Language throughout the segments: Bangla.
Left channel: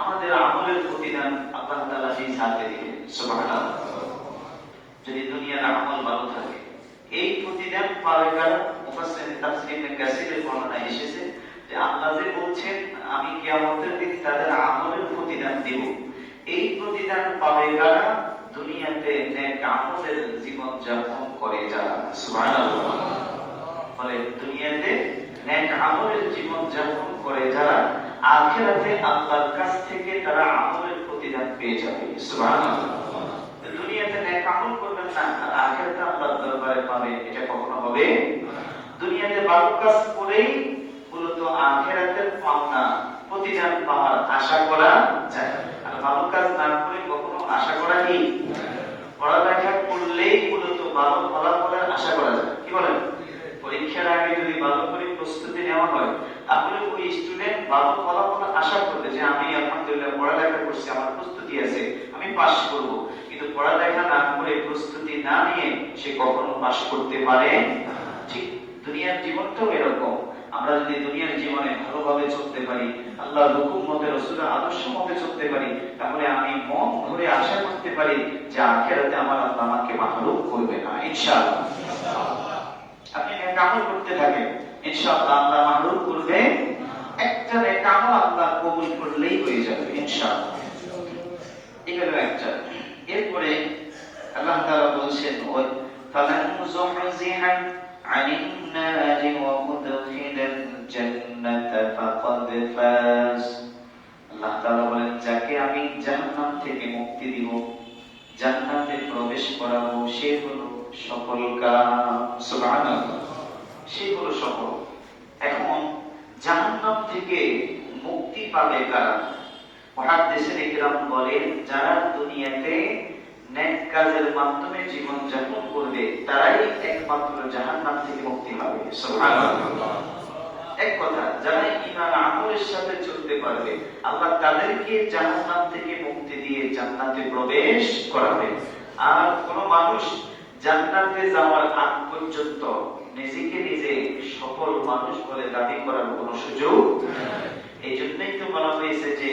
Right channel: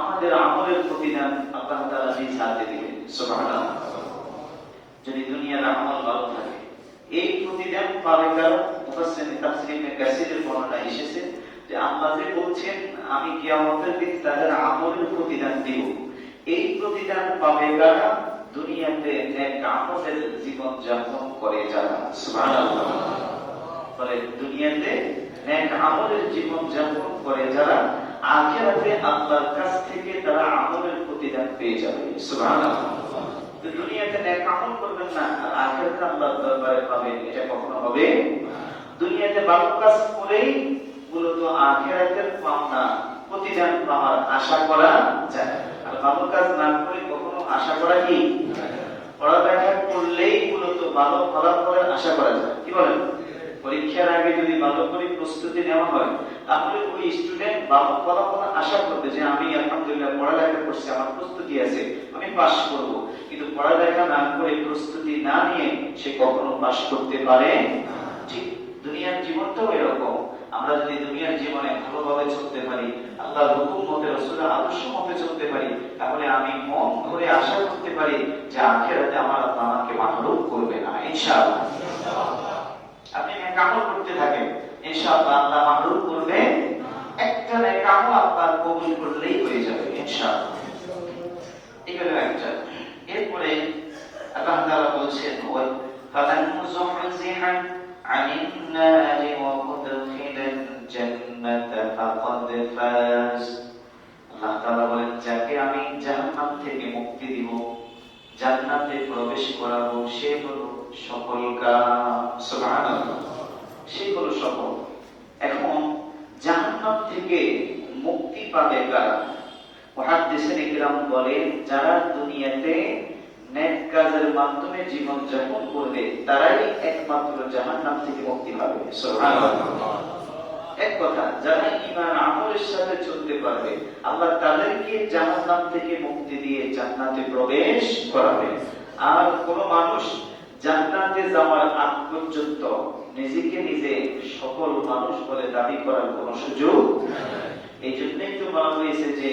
আমাদের আমলের প্রতিদান আল্লাহ তাআলা নিজ হাতে দিবেন। সুবহানাল্লাহ। যদি দুনিয়ার আমল ভালো থাকে, এই প্রতিদান পাবে কারা? মুফাসসিরিন তাফসীরে কাসিরের বর্ণনা এসেছে যে আল্লাহ যে বলছেন আমি কিয়ামতের দিন তাদের আমলের প্রতিদান দিব, এই প্রতিদান পাবে কারা? দুনিয়াতে নেক আমলের জীবন যাপন করে যারা। সুবহানাল্লাহ। বলে দুনিয়াতে নেক আমলের জীবন যাপন করে যারা, আখিরাতে আল্লাহর কাছ থেকে তারা আমলের প্রতিদান পেয়ে যাবে। সুবহানাল্লাহ। দুনিয়াতে নেক আমল করবেন না আর আখিরাতে আল্লাহর দরবারে পাবেন, এটা কখনো হবে? দুনিয়াতে ভালো কাজ করেই মূলত আখিরাতের পাওনা প্রতিদান পাওয়ার আশা করা যায়, আর ভালো কাজ না করে কখনো আশা করা কি? পড়ালেখা করলেই মূলত ভালো ফলাফলের আশা করা যায়। কি বলেন? পরীক্ষার আগে যদি ভালো করে প্রস্তুতি নেওয়া হয়, তাহলে ওই স্টুডেন্ট ভালো ফলাফল আশা করবে যে আমি আলহামদুলিল্লাহ পড়ালেখা করছি, আমার প্রস্তুতি আছে, আমি পাস করব। কিন্তু পড়ালেখা না করে প্রস্তুতি না নিয়ে সে কখনো পাস করতে পারে না। ঠিক দুনিয়ার জীবনটাও এরকম। আমরা যদি দুনিয়ার জীবনে ভালোভাবে চলতে পারি, আল্লাহর হুকুম মতে, রাসূলের আদর্শ মতে চলতে পারি, তাহলে আমি মন ভরে আশা করতে পারি যে আখিরাতে আমার আল্লাহ আমাকে মাহরুম করবে না, ইনশাআল্লাহ। আপনি নেক আমল করতে থাকেন, ইনশাআল্লাহ আল্লাহ মাহরুম করবে। একটা নেক আমল আল্লাহ কবুল করলেই হয়ে যাবে, ইনশাআল্লাহ। এগুলো একটা। এরপরে আল্লাহ তাআলা বলছেন ওই ফামান যুহজিহা আনিন নারি ওয়া উদখিলাল জান্নাতা ফাকাদ ফাজ। আল্লাহ তাআলা বলেন যাকে আমি জাহান্নাম থেকে মুক্তি দিব, জান্নাতে প্রবেশ করাবো, সে হলো সফল কাম। সুবহানাল্লাহ। সে হলো সফল। এখন জাহান্নাম থেকে মুক্তি পাবে কারা? মুহাদ্দিসিন ইকরাম বলেন যারা দুনিয়াতে নেক কাজের মাধ্যমে জীবন যাপন করবে তারাই একমাত্র জাহান্নাম থেকে মুক্তি পাবে। সুবহানাল্লাহ। এক কথা, যারা ঈমান আমলের সাথে চলতে পারবে আল্লাহ তাদেরকে জাহান্নাম থেকে মুক্তি দিয়ে জান্নাতে প্রবেশ করাবে। আর কোন মানুষ জান্নাতে যাওয়ার আগ পর্যন্ত নিজেকে নিজে সফল মানুষ বলে দাবি করার কোন সুযোগ নেই। এই জন্যই তো বলা হয়েছে যে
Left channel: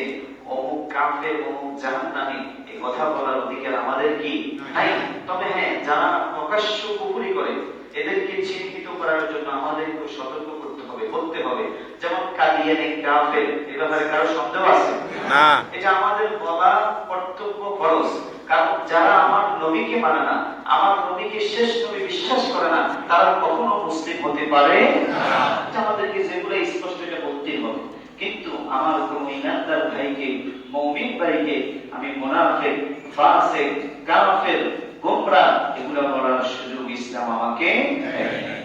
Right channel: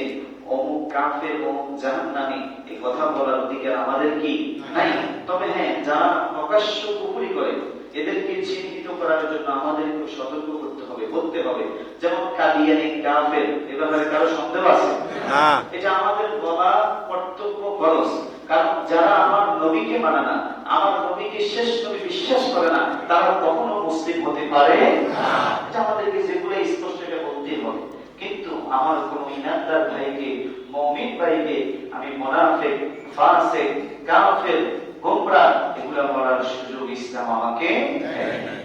অমুক কাফের, অমুক জাহান্নামী, এই কথা বলার অধিকার আমাদের কি নাই। তবে হ্যাঁ, যারা প্রকাশ্য কুফরি করে এদেরকে চিহ্নিত করার জন্য আমাদের একটু সতর্ক করতে হবে, বলতে হবে। যেমন কাদিয়ানী, কাফের, এ ব্যাপারে কারো সন্দেহ আছে না? এটা আমাদের বলা কর্তব্য, ফরজ। কারণ যারা আমার নবীকে মানে না, আমার নবীকে শেষ নবী বিশ্বাস করে না, তারা কখনো মুসলিম হতে পারে না। এটা আমাদেরকে যেগুলো স্পষ্ট এটা বলতেই হবে। কিন্তু আমার কোন ইমানদার ভাইকে, মুমিন ভাইকে আমি মুনাফিক, ফাসিক, কাফের, গোমরাহ এগুলা বলার সুযোগ ইসলাম আমাকে দেয়।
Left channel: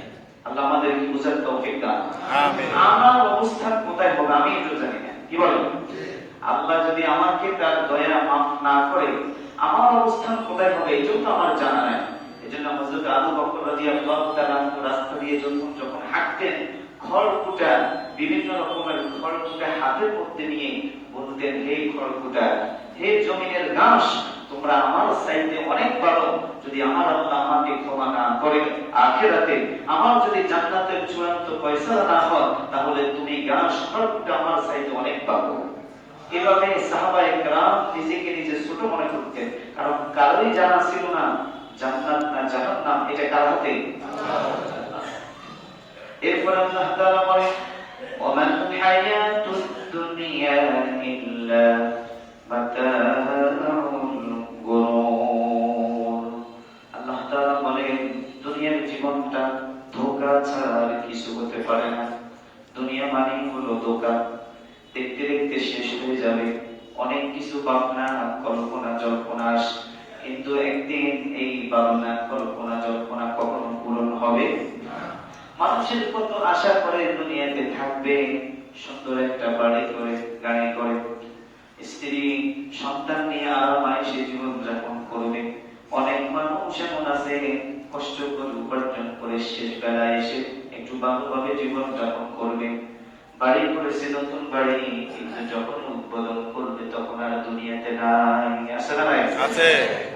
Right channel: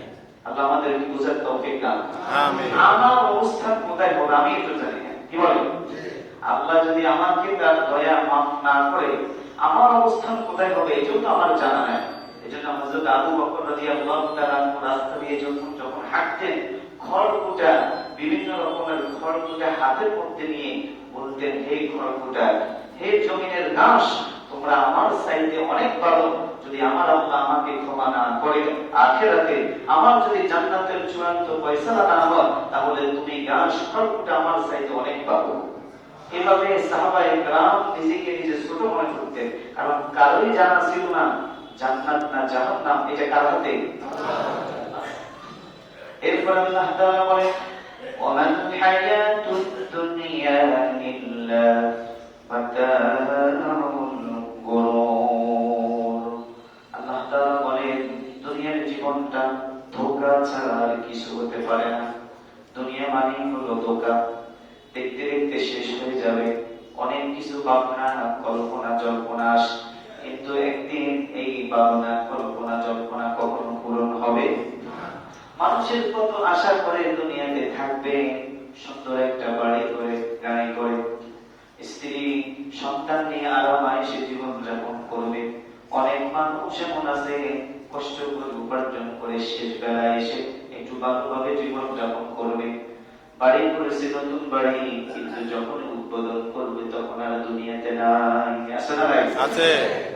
আল্লাহ আমাদেরকে বুঝার তৌফিক দান করুন। আমার অবস্থান কোথায় হবে আমি তো জানি না। কি বলেন? আল্লাহ যদি আমাকে তার দয়া মাফ না করে আমার অবস্থান কোথায় হবে এটাও তো আমার জানা নাই। এজন্য হযরত আবু বকর রাদিয়াল্লাহু তাআলা রাস্তা দিয়ে যখন হাঁটতেন, খড়কুটা, বিভিন্ন রকমের খড়কুটা হাতের মধ্যে নিয়ে বলতেন, হে খড়কুটা, হে জমিনের ঘাস, তোমরা আমার চাইতে অনেক ভালো। যদি আমার আল্লাহ আমাকে ক্ষমা না করে আখিরাতে আমার যদি জান্নাতের চূড়ান্ত ফয়সালা না হয়, তাহলে তুমি ঘাস খড়কুটা আমার চাইতে অনেক ভালো। এভাবে সাহাবায়ে কেরাম নিজেকে নিজে ছোট মনে করতেন, কারণ কারোই জানা ছিল না জান্নাত না জাহান্নাম এটা কার হাতে। এরপর আল্লাহ তাআলা বলেন ওয়ামান হায়াতুদ দুনিয়া ইল্লা মাতাউল গুরুর। আল্লাহ তাআলা বলেন দুনিয়ার জীবনটা ধোঁকা ছাড়া আর কিছু হতে পারে না। দুনিয়া মানেই হলো ধোঁকা, দেখতে দেখতে শেষ হয়ে যাবে। অনেক কিছু ভাবনা, কল্পনা, জল্পনা, কিন্তু একদিন এই ভাবনা, কল্পনা, জল্পনা কখনো পূরণ হবে না। মানুষের কত আশা করে দুনিয়াতে থাকবে, সুন্দর একটা বাড়ি করে, গাড়ি করে, স্ত্রী সন্তান নিয়ে আরামায়েশে জীবন যাপন করবে। অনেক মানুষ এমন আছে কষ্ট করে উপার্জন করে শেষ বেলায় এসে একটু ভালোভাবে জীবন যাপন করবে। বাড়ি করেছে, নতুন বাড়ি, কিন্তু যখন উদ্বোধন করবে তখন আর দুনিয়াতে নাই। আছে না ভাই? আছে।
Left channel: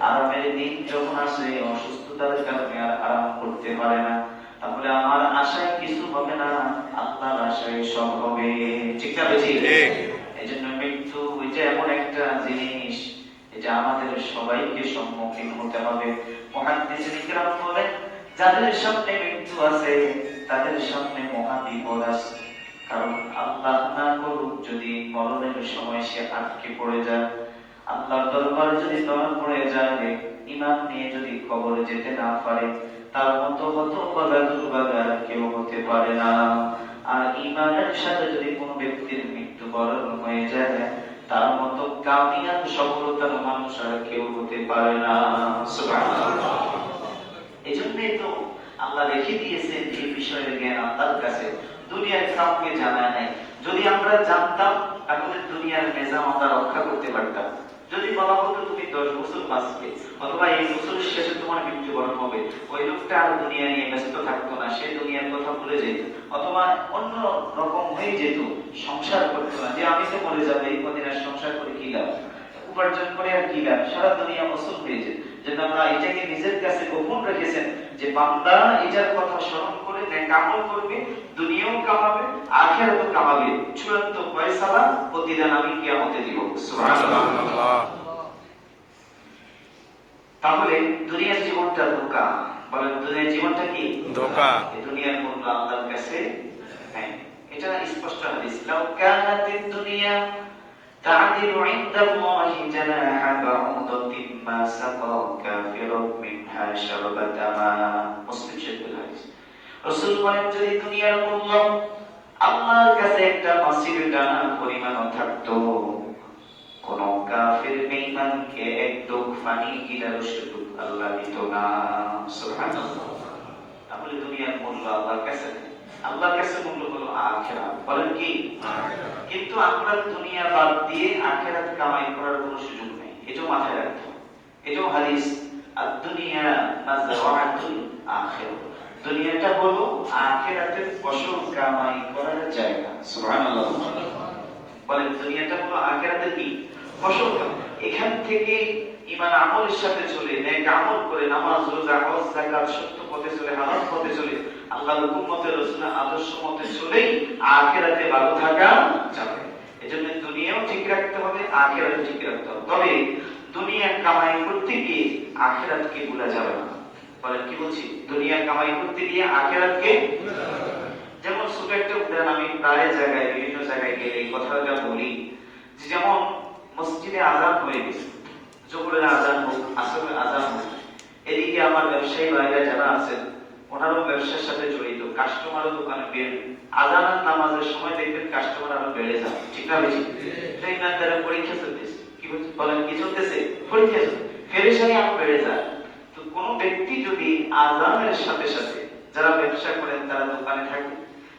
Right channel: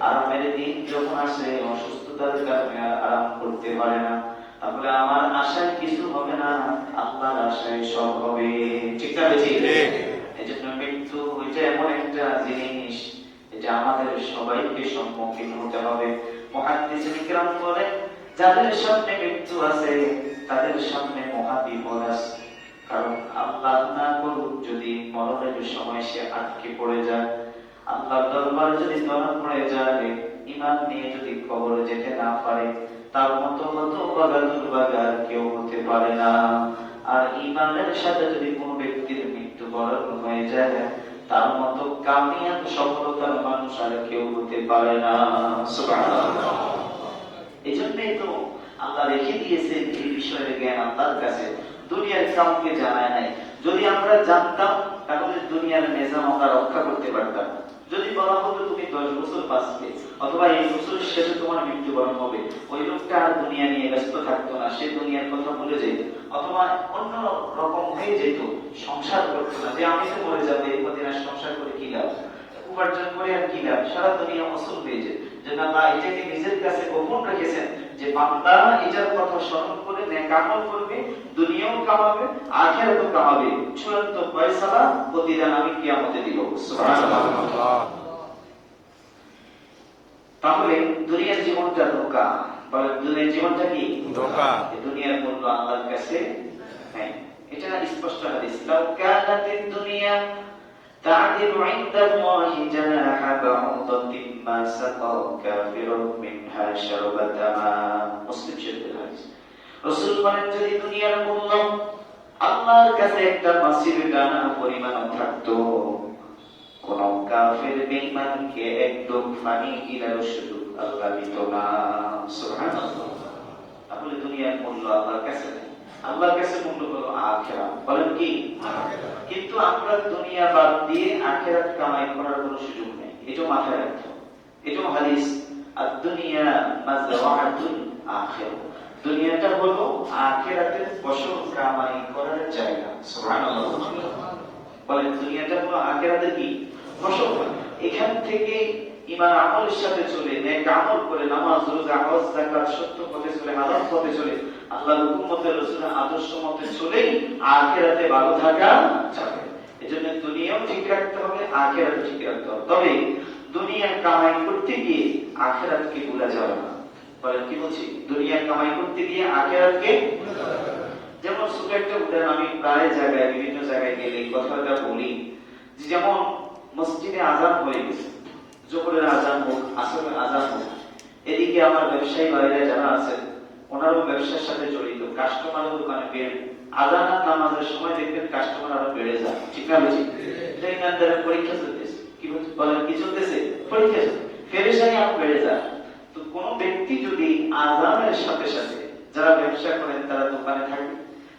আরামের দিন যখন আসে অসুস্থতার কারণে আর আরাম করতে পারে না। তাহলে আমার আশায় কিছু হবে না, আল্লাহর আশায় সব হবে। ঠিক না বেশি? এই জন্য মৃত্যু ওই যে এমন একটা জিনিস, এটা আমাদের সবাইকে সম্মুখীন হতে হবে। মুহাদ্দিসিন কিরাম বলেন, যাদের সামনে মৃত্যু আছে তাদের সামনে মহা বিপদ আছে। কারণ আল্লাহ না করুক যদি মরণের সময় সে আটকে পড়ে যায়, আল্লাহর দরবারে যদি ধরা পড়ে যায়, ঈমান নিয়ে যদি কবরে যেতে না পারে, তার মতো হতভাগা দুর্ভাগা আর কেউ হতে পারে না। আর ঈমানের সাথে যদি কোন ব্যক্তির মৃত্যুবরণ হয়ে যায়, তার মতো কামিয়াব সফলতার মানুষ আর কেউ হতে পারে না। সুবহানাল্লাহ। এই জন্যই তো আল্লাহ রেখে দিয়েছেন এই বিষয়ের জ্ঞান আল্লাহর কাছে, দুনিয়ার কাউকে জানায় নাই। যদি আমরা জানতাম তাহলে দুনিয়ার নিজাম আমরা রক্ষা করতে পারতাম। যদি বলা হতো তুমি 10 বছর বাঁচবে, অথবা এই বছরের শেষে তোমার মৃত্যুবরণ হবে, ওই লোকটা আর দুনিয়া নিয়ে ব্যস্ত থাকতো না, সে দুনিয়ার কথা ভুলে যেত, অথবা অন্য রকম হয়ে যেত, সংসার করতো না। যে আমি তো মরে যাবো, এই কদিন আর সংসার করে কি লাভ, উপার্জন করে আর কি লাভ, সারা দুনিয়া অসল হয়ে যায়। যেন আল্লাহ এটাকে নিজের কাছে গোপন রেখেছেন যে বান্দা এটার কথা স্মরণ করে নেক আমল করবে, দুনিয়াও কামাবে, আখিরাতও কামাবে, চূড়ান্ত ফয়সালা প্রতিদান আমি কিয়ামতে দিব। সুবহানাল্লাহ। তাহলে দুনিয়ার জীবনটা ধোঁকা। বলেন দুনিয়ার জীবনটা কি ধোঁকা? এই দুনিয়ার মূল্য আল্লাহর কাছে নাই। এটা স্পষ্ট হাদিস, লাউ কানাতিদ দুনিয়া تعدل عند الله جناح بعوضة ما سقى كافر منها شربة ماء। মুসলিম শরীফের হাদিস। রাসূল বলেন, যদি দুনিয়ার মূল্য আল্লাহর কাছে একটা মাছির দানা পরিমাণও থাকতো, কোন কাফির বেঈমানকে এক ঢোক পানি কিনারও সুযোগ আল্লাহ দিত না। সুবহানাল্লাহ। তাহলে দুনিয়ার মূল্য আল্লাহর কাছে নেই। আল্লাহর কাছে মূল্য হলো আখিরাত। বলেন কি? কিন্তু আমরা দুনিয়া বাদ দিয়ে আখিরাত কামাই করার কোনো সুযোগ নেই, এটাও মাথায় রাখতে হবে। এটাও হাদিস, আর দুনিয়া মাযরাআতুল আখিরাহ। দুনিয়াটা হলো আখিরাতের ফসল কামাই করার জায়গা। সুবহানাল্লাহ। বলেন দুনিয়াটা হলো আখিরাতের কি ফসল। এখান থেকে ঈমান আমলের সাথে চলে, নেক আমল করে, নামাজ রোজা হজ যাকাত সত্য পথে চলে, হালাল পথে চলে, আল্লাহর হুকুম মতে রাসূলের আদর্শ মতে চলেই আখিরাতে ভালো থাকা যাবে। এজন্য দুনিয়াও ঠিক রাখতে হবে, আখিরাতও ঠিক রাখতে হবে। তবে দুনিয়া কামাই করতে গিয়ে আখিরাতকে ভুলা যাবে না। বলেন কি বলছি? দুনিয়া কামাই করতে গিয়ে আখিরাতকে ভুলা যাবে না। যেমন ছোট একটা উদাহরণ আমি প্রায় জায়গায়, বিভিন্ন জায়গায় গেলে এই কথাটা বলি, যে যেমন মসজিদে আযান হয়ে গেছে, জোহরের আযান হোক, আসরের আযান হোক, এদিকে আমার ব্যবসায়ী ভাইরা যারা আছেন ওনারও ব্যবসার সাথে জড়িত, কাস্টমারও দোকানে বের, আযান আর নামাজের সময় দেখবেন কাস্টমার আরো বেড়ে যায়। ঠিক না বেশি? ট্রেনারদের পরীক্ষা চলতেছে, কি বলেন কি চলতেছে? পরীক্ষা চলছে, পেরেশানি আরো বেড়ে যায়। তো কোন ব্যক্তি যদি আযানের সাথে সাথে, যারা ব্যবসা করেন তারা দোকানে থাকে,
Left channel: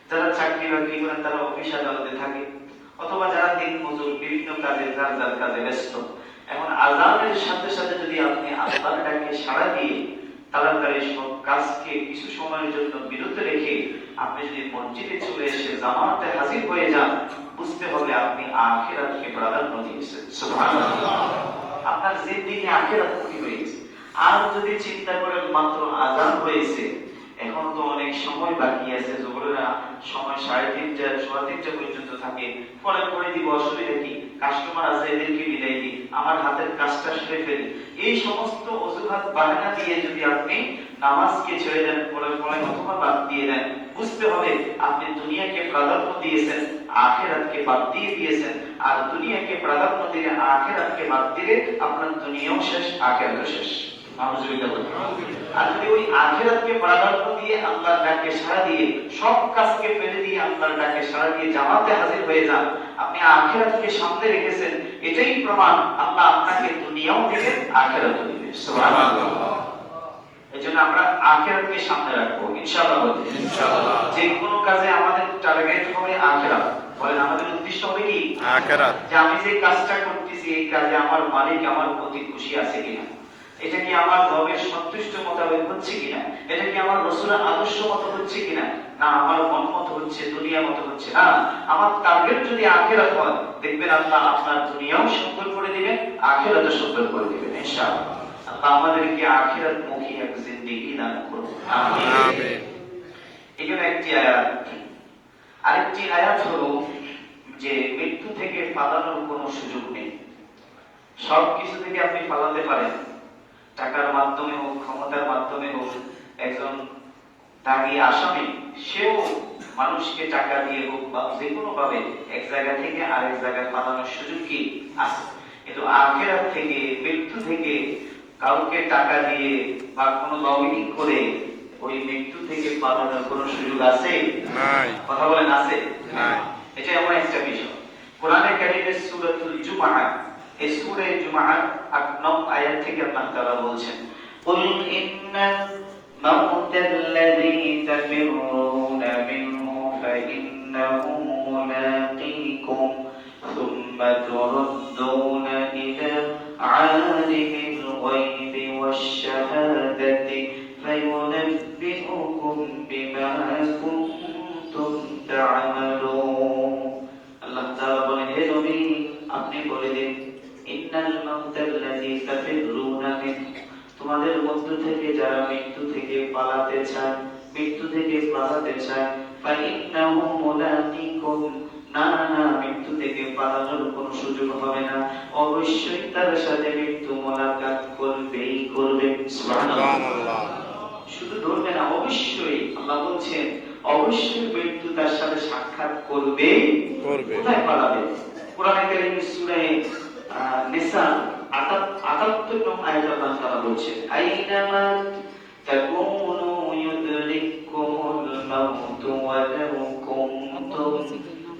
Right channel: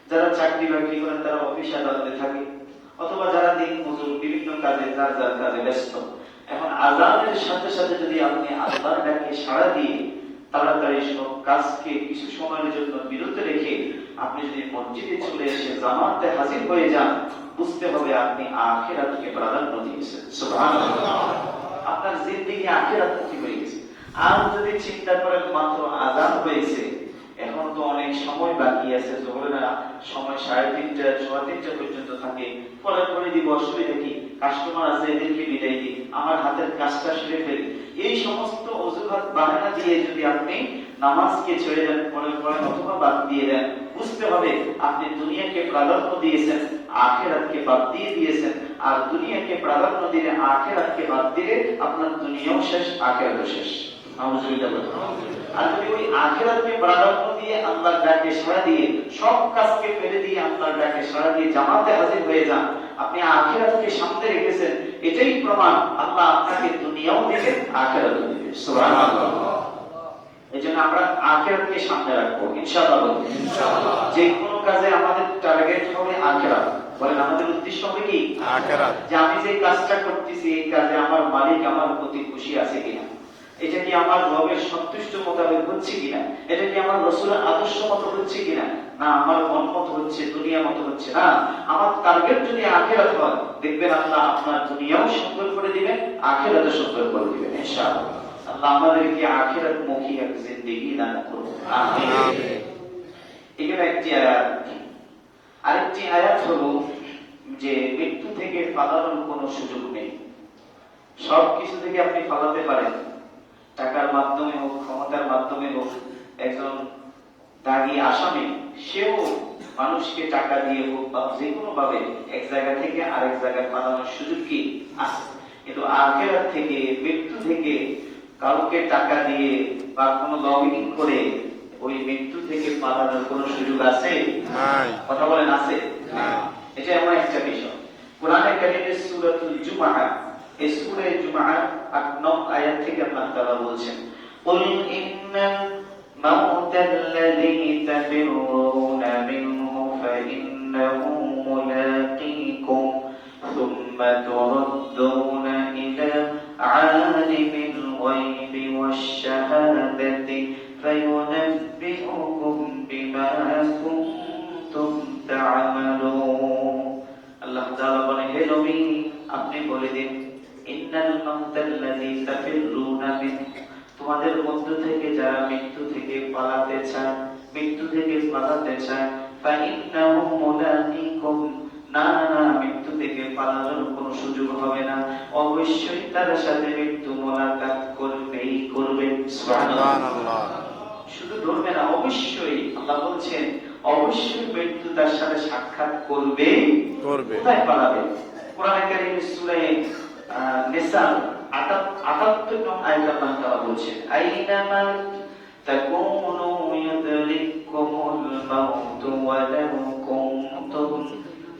যারা চাকরি বাকরি করেন তারা অফিস আদালতে থাকে, অথবা যারা দিন মজুর বিভিন্ন কাজে যার যার কাজে ব্যস্ত, এখন আযানের সাথে সাথে যদি আপনি আল্লাহর ডাকে সাড়া দিয়ে তাড়াতাড়ি সব কাজকে কিছু সময়ের জন্য বিরত রেখে আপনি যদি মসজিদে চলে এসে জামাতে হাজির হয়ে যান, বুঝতে হবে আপনি আখিরাতকে প্রাধান্য দিয়েছেন। সুবহানাল্লাহ। আপনার জিন্দেগি আখিরাতমুখী হয়ে গেছে। আর যদি চিন্তা করেন মাত্র আযান হয়েছে, এখন তো অনেক সময় বাকি আছে, জোহরের সময় 3:30 3:15 পর্যন্ত থাকে, পরে পরে দিব, অসুবিধা কি, কাস্টমার আছে এদেরকে বিদায় দিই, আমার হাতের কাজটা সেরে ফেলি, এই সমস্ত অজুহাত বাহানা দিয়ে যদি আপনি নামাজকে ছেড়ে দেন, পরে পরে অথবা বাদ দিয়ে দেন, বুঝতে হবে আপনি দুনিয়াকে প্রাধান্য দিয়েছেন, আখিরাতকে বাদ দিয়ে দিয়েছেন। আর দুনিয়াকে প্রাধান্য দিলে, আখিরাতকে বাদ দিলে আপনার দুনিয়াও শেষ, আখিরাতও শেষ। আর যদি ওই আখিরাতকে প্রাধান্য দিয়ে আল্লাহর ডাকে সাড়া দিয়ে, সব কাজকে ফেলে দিয়ে আল্লাহর ডাকে সাড়া দিয়ে জামাতে হাজির হয়ে যান, আপনি আখিরাতকে সামনে রেখেছেন, এটাই প্রমাণ আল্লাহ আপনাকে দুনিয়াও দিবেন, আখিরাতও দিবেন। সুবহানাল্লাহ। এজন্য আমরা আখিরাতকে সামনে রাখবো ইনশাআল্লাহ। ইনশাআল্লাহ। যে কোনো কাজে আমাদের টার্গেট হবে আখিরাত। বলেন আমাদের উদ্দেশ্য হবে কি? আখিরাত। যে আমি যে কাজটা করতেছি এই কাজে আমার মালিক আমার প্রতি খুশি আছে কিনা, এটা কি আমার রবের সন্তুষ্ট মোতাবেক হচ্ছে কিনা, এটা কি আমার রাসূলের আদর্শ মতো হচ্ছে কিনা, না আমার মন মতো হচ্ছে, দুনিয়া মতো হচ্ছে। না, আমার টার্গেট যদি আখিরাত হয়, দেখবেন আল্লাহ আপনার দুনিয়াও সুন্দর করে দিবেন, আখিরাতও সুন্দর করে দিবেন ইনশাআল্লাহ। আল্লাহ আমাদেরকে আখিরাত মুখী এক জিন্দেগি দান করুন। আমিন। এখানে একটি আয়াত। আরেকটি আয়াত হলো যে মৃত্যু থেকে পালানোর কোনো সুযোগ নেই। সবকিছু থেকে আপনি পালাতে পারেন, টাকার মাধ্যমে হোক, ক্ষমতার মাধ্যমে হোক। একজন দাগি আসামি সেও মানুষকে টাকা দিয়ে হোক বা যে কোনো ভাবে এক জায়গা থেকে আরেক জায়গায় পালানোর সুযোগ কি আছে। কিন্তু আখিরাত থেকে, মৃত্যু থেকে কাউকে টাকা দিয়ে বা কোনো লবিং করে ওই মৃত্যু থেকে পালানোর কোনো সুযোগ আছে? কথা বলেন, আছে? এটা এমন একটা বিষয়। কোরআনে কারিমে সূরাতুল জুমআহ, এই সূরা জুমআহ ৮ নং আয়াত থেকে আল্লাহ তাআলা বলছেন, কুল ইন্নাল মাউতাল্লাযী তাফিরুনা মিনহু ফাইন্নাহু মুলাকীকুম সুম্মা তুরাদ্দুনা ইলা আলিমিল গায়বি ওয়াশ-শাহাদাতি ফায়ুনাব্বিউকুম বিমা কুনতুম তা'মালুন। আল্লাহ তাআলা বলেন, হে নবী, আপনি বলে দিন, ইন্নাল মাউতাল্লাযী তাফিরুনা মিনহু, তোমাদের মধ্য থেকে যারা মৃত্যু থেকে পালাতে চায়, মৃত্যু থেকে পালাতে চায়, ফাইন্নাহু মুলাকীকুম, না না, মৃত্যু থেকে পালানোর কোনো সুযোগ হবে না, অবশ্যই তার সাথে মৃত্যু মোলাকাত করবেই করবে। সুবহানাল্লাহ। শুধু ধরবে না, অবশ্যই। আল্লাহ বলছেন অবশ্যই মৃত্যু তার সাথে সাক্ষাৎ করবে। কোথায় পালাবে? কোরআনে কারিমে সূরা নিসা ৭৮ নং আয়াতে আল্লাহ তাআলা বলছেন, আইনামা তাকুনু ইউদরিকুমুল মাউত ওয়ালাউ কুনতুম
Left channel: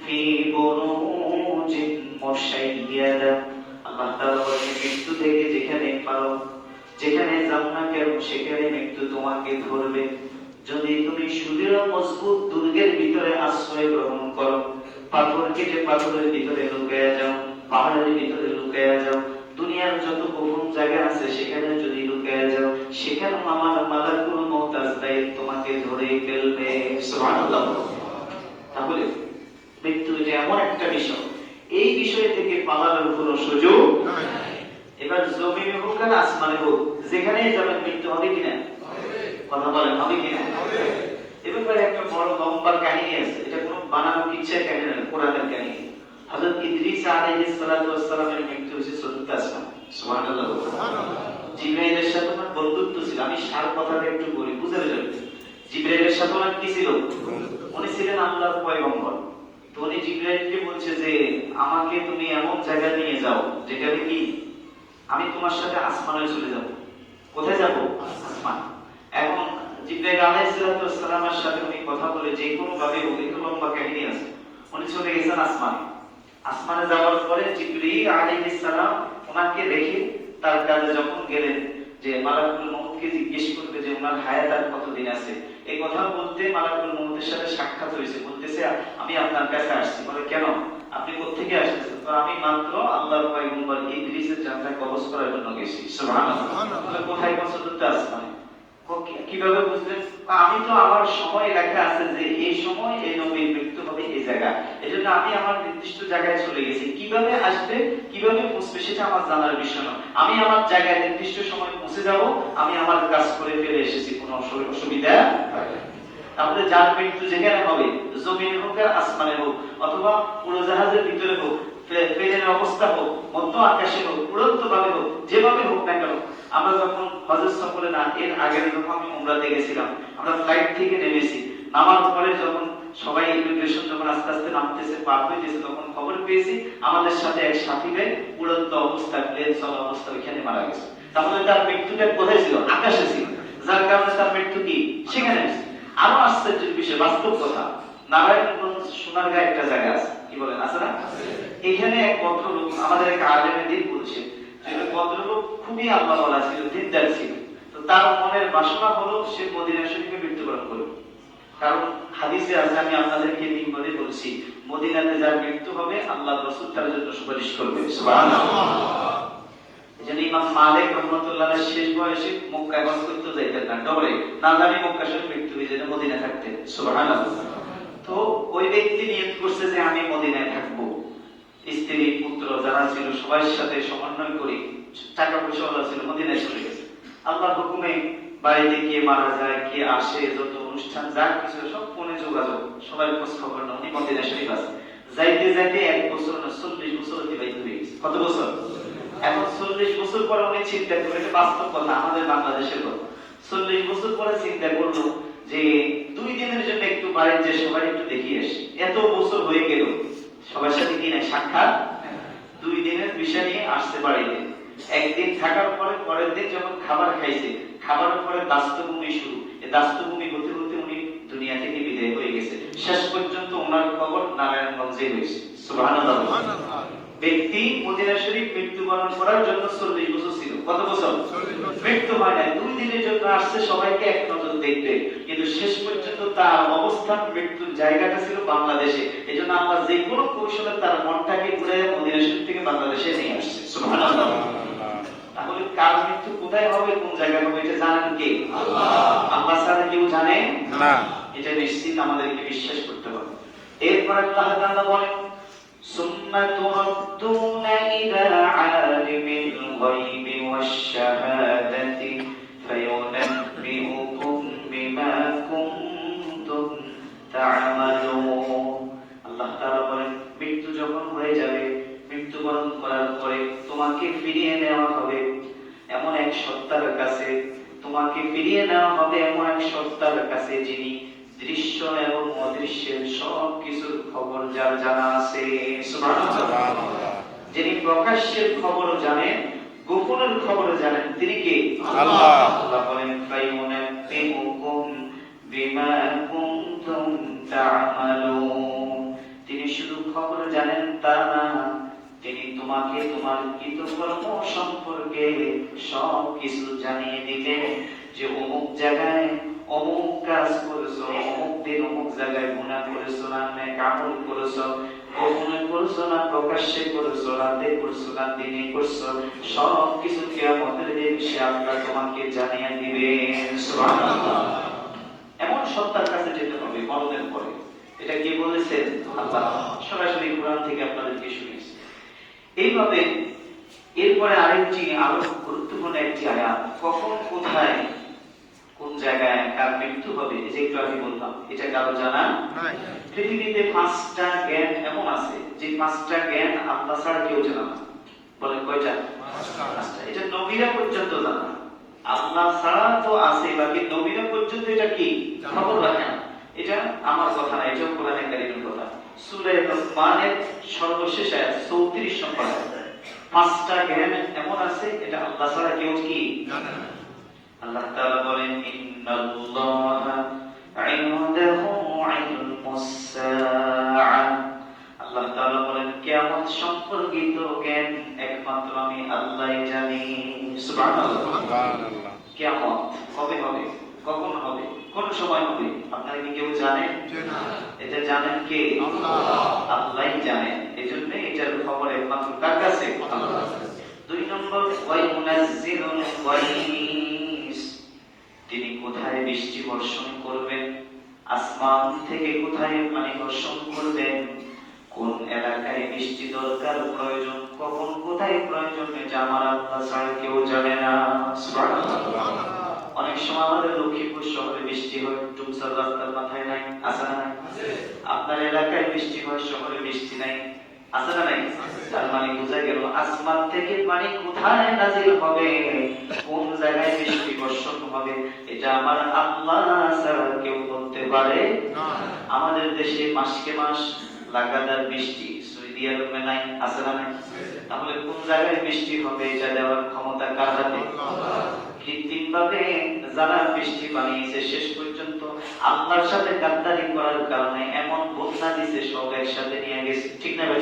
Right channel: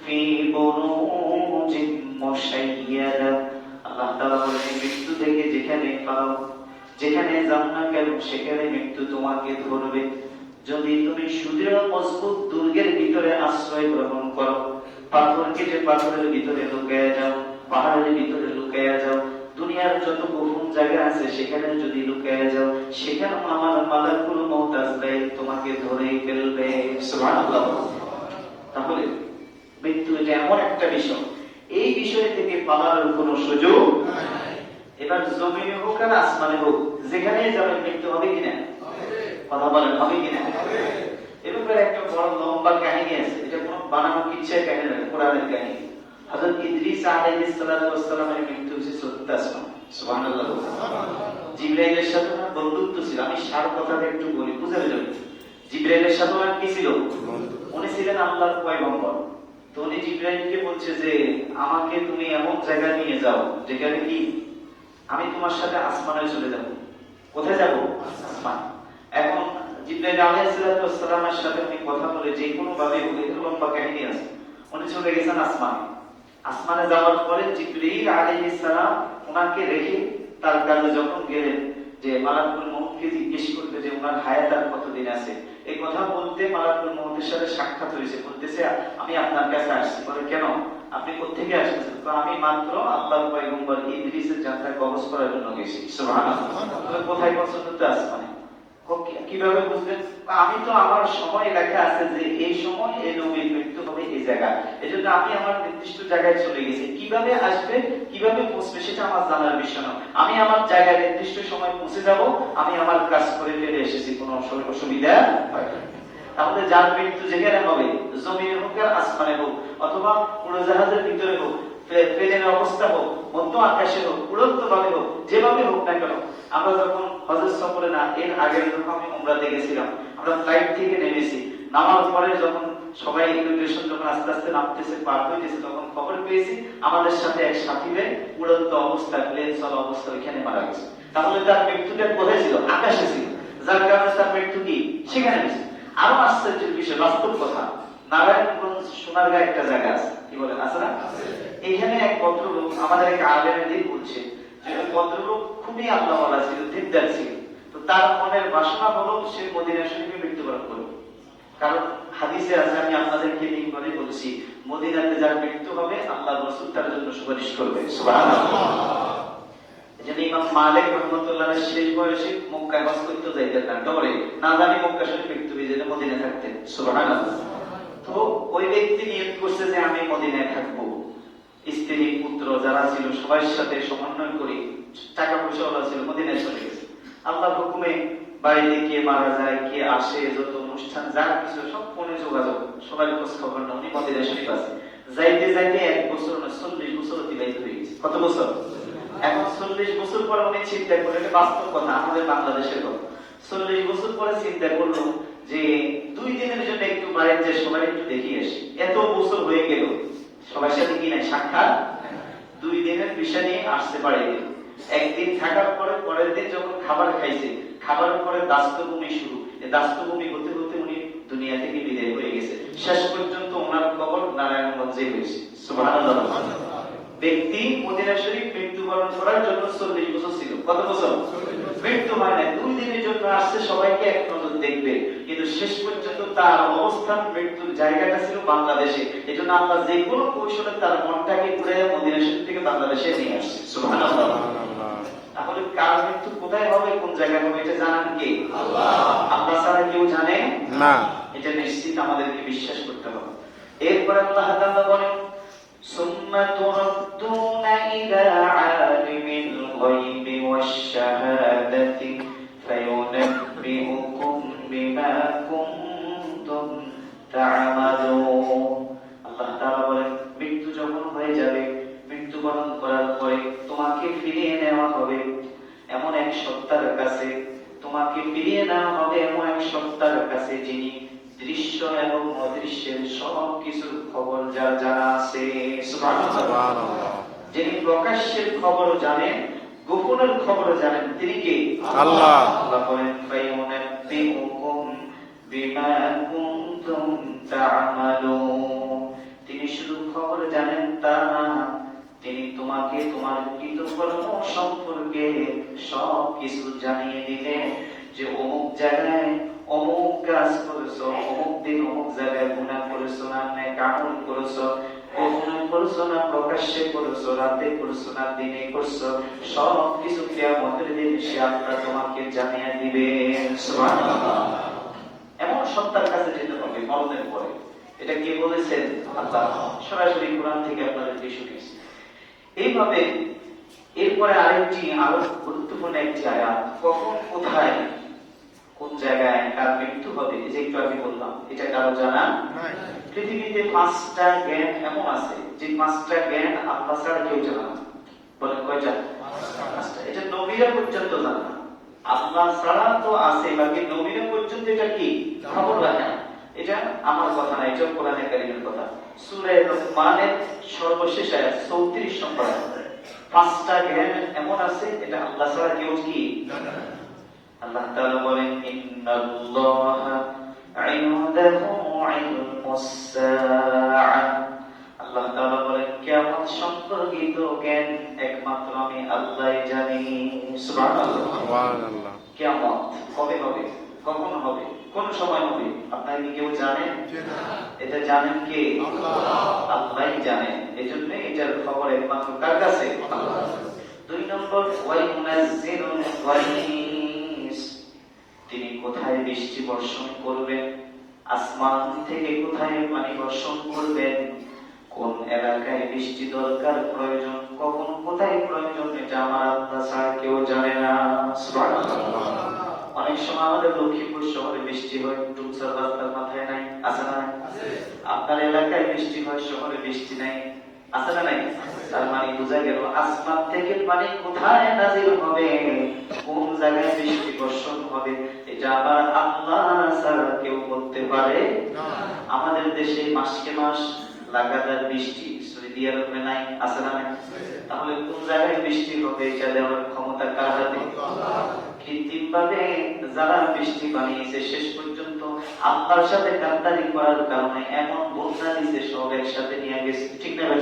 ফি বুরুজিন মুশাইয়াদা। আল্লাহ তাআলা বলেন, মৃত্যু থেকে যেখানে পালাও, যেখানে যাও না কেন, সেখানে মৃত্যু তোমাকে ধরবে। যদি তুমি সুদৃঢ় মজবুত দুর্গের ভিতরে আশ্রয় গ্রহণ করো, পাথর কেটে পাথরের ভিতরে লুকিয়ে যাও, পাহাড়ের ভিতরে লুকিয়ে যাও, দুনিয়ার যত গোপন জায়গা আছে সেখানে যদি লুকিয়ে যাও, সেখানে আমার মালাকুল মউত আজরাইল তোমাকে ধরে ফেলবে। সুবহানাল্লাহ। তাহলে মৃত্যু এটা এমন একটা বিষয়, এই বিষয় থেকে পালানোর কোনো সুযোগ নাই। এবার জমিনে হোক আর আসমানে হোক, যেখানেই যাবেন মৃত্যু হবে কিনা? কথা বলেন, হবে কিনা? এ ব্যাপারে একটা বড় লম্বা কাহিনী আছে। এটা কোনো বানানো কিচ্ছার কাহিনী নয়, কোরআনের কাহিনী। হযরত ইদ্রিস আলাইহিস সালাতু ওয়াস সালামের মৃত্যু হয়েছে চতুর্থ আসমানে। সুবহানাল্লাহ। জিবরাইলের সাথে ওনার বন্ধুত্ব ছিল। আমি সার কথাটা একটু বলি, বুঝে নেবেন। জিবরাইলের সাথে ওনার কি ছিল? উনি ছিলেন আল্লাহর পয়গম্বর। তো উনি জিবরাইলকে বলছে যে আমাকে তুমি এমন জায়গায় নিয়ে যাও যেখানে কি আমি তোমার সাথে আসমানে চলে যাব। কোথায় যাব? আসমান। এখন জিবরাইল আলাইহিস সালামের সাথে উনি কথা বলে যে কোনো ভাবে হোক, একটু লম্বা কাহিনী আছে, উনি চলে গেছেন আসমানে। আসমানে যাওয়ার পরে জিবরাইল আলাইহিস সালাম ওনাকে রেখে তার কাছে যখন গেলেন, যে মালাকুল মউতকে জিজ্ঞেস করতে যে ওনার হায়াত আর কতদিন আছে, এই কথা বলতে মালাকুল মউতের সাথে সাক্ষাৎ হয়েছে। বলতেছে আমি আপনার কাছে আসছি। বলে কেন, আপনি কোত্থেকে আসছেন? তো আমি মাত্র আল্লাহর পয়গম্বর ইদ্রিসের জানটা কবজ করার জন্য গেছি। সুবহানাল্লাহ। কোথায় পৌঁছতে আসমানে? কিভাবে বুঝলেন? আমি তো আমার সময় লেখা আছে যে এই সময় এই নবীর মৃত্যু হবে এই জায়গায়, এজন্য আমি আমার নির্দিষ্ট জায়গায় চলে গেছি। কিভাবে আসবে, কিভাবে পৌঁছবে সেটা আমার জানার বিষয় নয়। আমি আমার জায়গায় নির্দিষ্ট সময় পৌঁছে যাব, আমি আমার কাজ করে ফেলে এসেছি, কোনো অসুবিধা হয় না। তাহলে যার মৃত্যু যেখানে হবে, জমিনে হোক আর আসমানে হোক, অথবা উড়োজাহাজের ভিতরে হোক, প্লেনের অবস্থা হোক, মধ্য আকাশে হোক, উড়ন্ত ভাবে হোক, যেভাবে হোক না কেন। আমরা যখন হজের সফরে, না এর আগের যখন আমি উমরাতে গেছিলাম, আমরা ফ্লাইট থেকে নেমেছি, নামার পরে যখন সবাই ইমিগ্রেশন যখন আস্তে আস্তে নামতেছে, পার হইতেছে, তখন খবর পেয়েছি আমাদের সাথে এক সাথী ভাই উড়ন্ত অবস্থা, প্লেন চলা অবস্থা ওইখানে মারা গেছে। তাহলে তার মৃত্যুটা কোথায় ছিল? আকাশে ছিল, যার কারণে তার মৃত্যু কি সেখানে। আরো আশ্চর্যের বিষয়, বাস্তব কথা, নারায়ণগঞ্জ সোনারগাঁ একটা জায়গা আছে, কি বলেন, আছে না? এখানে এক ভদ্রলোক, আমাদের এক আলেমের দিক বলছে, ভদ্রলোক খুবই আল্লাহওয়ালা ছিল, দিনদার ছিল। তো তার মনের বাসনা হলো সে মদিনা শরীফে মৃত্যুবরণ করবে। কারণ হাদিসে আছে, আমি আপনাদেরকে নির্ভরে বলছি, মদিনাতে যার মৃত্যু হবে আল্লাহ রাসূল তার জন্য সুপারিশ করবে। সুবহানাল্লাহ। এজন্য ইমাম মালিক রাহমাতুল্লাহ শেষ বয়সে মক্কায় বাস করতে যাইতেন না, ডরে না জানি মক্কা শরীফ মৃত্যু হয়ে যেতে মদিনায় থাকতেন। সুবহানাল্লাহ। তো ওই ব্যক্তি নিয়ত করছে যে আমি মদিনায় থাকবো, স্ত্রী পুত্র যারা ছিল সবার সাথে সমন্বয় করে, টাকা পয়সা ওলা ছিল, মদিনায় চলে গেছে। আল্লাহর হুকুমে বাড়িতে কে মারা যায়, কে আসে, যত অনুষ্ঠান যা কিছু সব ফোনে যোগাযোগ, সবাই খোঁজ খবর না। উনি মদিনা শরীফ আছে, যাইতে যাইতে 1 বছর না 40 বছর অতিবাহিত হয়ে গেছে। কত বছর? এখন 40 বছর পরে উনি চিন্তা করে, এটা বাস্তব কথা, আমাদের বাংলাদেশের কথা। 40 বছর পরে চিন্তা করলো যে 2 দিনের জন্য একটু বাইরে যে সবাই একটু দেখিয়ে আসি। এত বছর হয়ে গেল সবার সাথে কি না সাক্ষাৎ, 2 দিনের বিষয় নিয়ে আসতে বাড়িতে। একদিন থাকার পরে পরের দিন যখন খাবার খাইছে, খাবারের পরে দাস্তভূমি শুরু। দাস্তভূমি হতে হতে উনি দুনিয়া থেকে বিদায় হয়ে গেছে। শেষ পর্যন্ত ওনার কবর নারায়ণগঞ্জে হয়েছে। সুবহানাল্লাহ। ব্যক্তি মদিনা শরীফ মৃত্যুবরণ করার জন্য 40 বছর ছিল। কত বছর? মৃত্যু হয় না, 2 দিনের জন্য আসছে, সবাইকে এক নজর দেখবে, কিন্তু শেষ পর্যন্ত তার অবস্থান মৃত্যুর জায়গাটা ছিল বাংলাদেশে। এজন্য আল্লাহ যে কোনো কৌশলে তার মনটাকে ঘুরে মদিনা শরীফ থেকে বাংলাদেশে নিয়ে আসছে। সুবহানাল্লাহ। তাহলে কার মৃত্যু কোথায় হবে, কোন জায়গায় হবে, এটা জানেন কে? আল্লাহ। আল্লাহ ছাড়া কেউ জানে না, এটা নিশ্চিত আমাদেরকে বিশ্বাস করতে হবে। এরপর আল্লাহ তাআলা বলেন, সুম্মা তুরাদ্দুনা ইলা আলিমিল গায়বি ওয়াশ শাহাদাতি ফায়ুনাব্বিউকুম বিমা কুনতুম তা'মালুন। আল্লাহ তাআলা বলেন, মৃত্যু যখন হয়ে যাবে, মৃত্যুবরণ করার পরে তোমাকে ফিরিয়ে নেওয়া হবে এমন এক সত্তার কাছে, তোমাকে ফিরিয়ে নেওয়া হবে এমন এক সত্তার কাছে যিনি দৃশ্য এবং অদৃশ্যের সব কিছুর খবর যার জানা আছে। সুবহানাল্লাহ। যিনি প্রকাশ্যের খবর জানেন, গোপনের খবর জানেন, তিনি কে? আল্লাহ। আল্লাহ বলেন, ফায়ুনাব্বিউকুম বিমা কুনতুম তা'মালুন। তিনি শুধু খবর জানেন তা না, তিনি তোমাকে তোমার কৃতকর্ম সম্পর্কে সব কিছু জানিয়ে দিলেন, যে অমুক জায়গায় অমুক কাজ করেছো, অমুক দিন অমুক জায়গায় গুনাহ করেছো না নেক আমল করেছো, গোপনে করেছো না প্রকাশ্যে করেছো, রাতে করেছো না দিনে করেছো, সব কিছু কিয়ামতের দিন সে আল্লাহ তোমাকে জানিয়ে দিবেন। সুবহানাল্লাহ। এমন সত্তার কাছে যেতে হবে মরণের পরে। এটা কে বলেছেন? আল্লাহ। সরাসরি কোরআন থেকে আপনাদেরকে শুনিয়েছি। এইভাবে এরপরে আরেকটি আরো গুরুত্বপূর্ণ একটি আয়াত, কখন কোথায় কোন জায়গায় কার মৃত্যু হবে, এই যে একটু আমি বললাম, এটা কারো জানা নাই। পৃথিবীতে 5টা জ্ঞান এমন আছে যে 5টা জ্ঞান আল্লাহ ছাড়া কেউ জানে না। বলেন কয়টা? 5টা। এটা নবীরা পর্যন্ত জানে না। আল্লাহ ছাড়া তো আছে, বাকি নবীরা পর্যন্ত এটা কি খবর রাখে না। এটা আমার কথা না, এটা কোরআনে কারীমের কথা। সূরা লুকমানের সর্বশেষ আয়াত 34 নম্বর আয়াত। 5টা জ্ঞান এমন আছে, এটা আল্লাহ ছাড়া কেউ কি জানে না। আল্লাহ তাআলা বলেন, ইন্নাল্লাহা ইনদাহু ইলমুস সাআ। আল্লাহ তাআলা বলেন, কিয়ামত সম্পর্কিত জ্ঞান একমাত্র আমি আল্লাহই জানি। সুবহানাল্লাহ। সুবহানাল্লাহ। কিয়ামত কবে হবে, কখন হবে, কোন সময় হবে, আপনারা কি কেউ জানেন? না। এটা জানেন কে? আল্লাহ। আল্লাহই জানেন। এজন্য এটার খবর একমাত্র কার কাছে? আল্লাহর কাছে। 2 নম্বর, ওয়ায়ুনাজ্জিলুল গায়স। তিনি কোথায় বৃষ্টি বর্ষণ করবেন, আসমান থেকে কোথায় পানি বর্ষণ করবেন, কোন এলাকায় বৃষ্টি দরকার প্রয়োজন, কখন কোথায় প্রয়োজন, এটা আমার আল্লাহ ছাড়া কেউ জানে না। সুবহানাল্লাহ। অনেক সময় আমাদের লক্ষ্মীপুর শহরে বৃষ্টি হয়, ডুবসার রাস্তার মাথায় নাই, আছে না? আপনার এলাকায় বৃষ্টি হয়, শহরে বৃষ্টি নাই, আছে না? নাই। তার মানে বোঝা গেল আসমান থেকে পানি কোথায় নাজিল হবে, কোন জায়গায় বৃষ্টি বর্ষণ হবে, এটা আমার আল্লাহ ছাড়া কেউ বলতে পারে না। আমাদের দেশে মাসকে মাস লাগাতার বৃষ্টি, সৌদি আরবে নাই, আছে না? তাহলে কোন জায়গায় বৃষ্টি হবে, এটা দেওয়ার ক্ষমতা কার হাতে? কৃত্রিম ভাবে যারা বৃষ্টি বানিয়েছে, শেষ পর্যন্ত আল্লাহর সাথে গাদ্দারি করার কারণে এমন বন্যা দিচ্ছে, সব একসাথে নিয়ে গেছে। ঠিক না ভাই?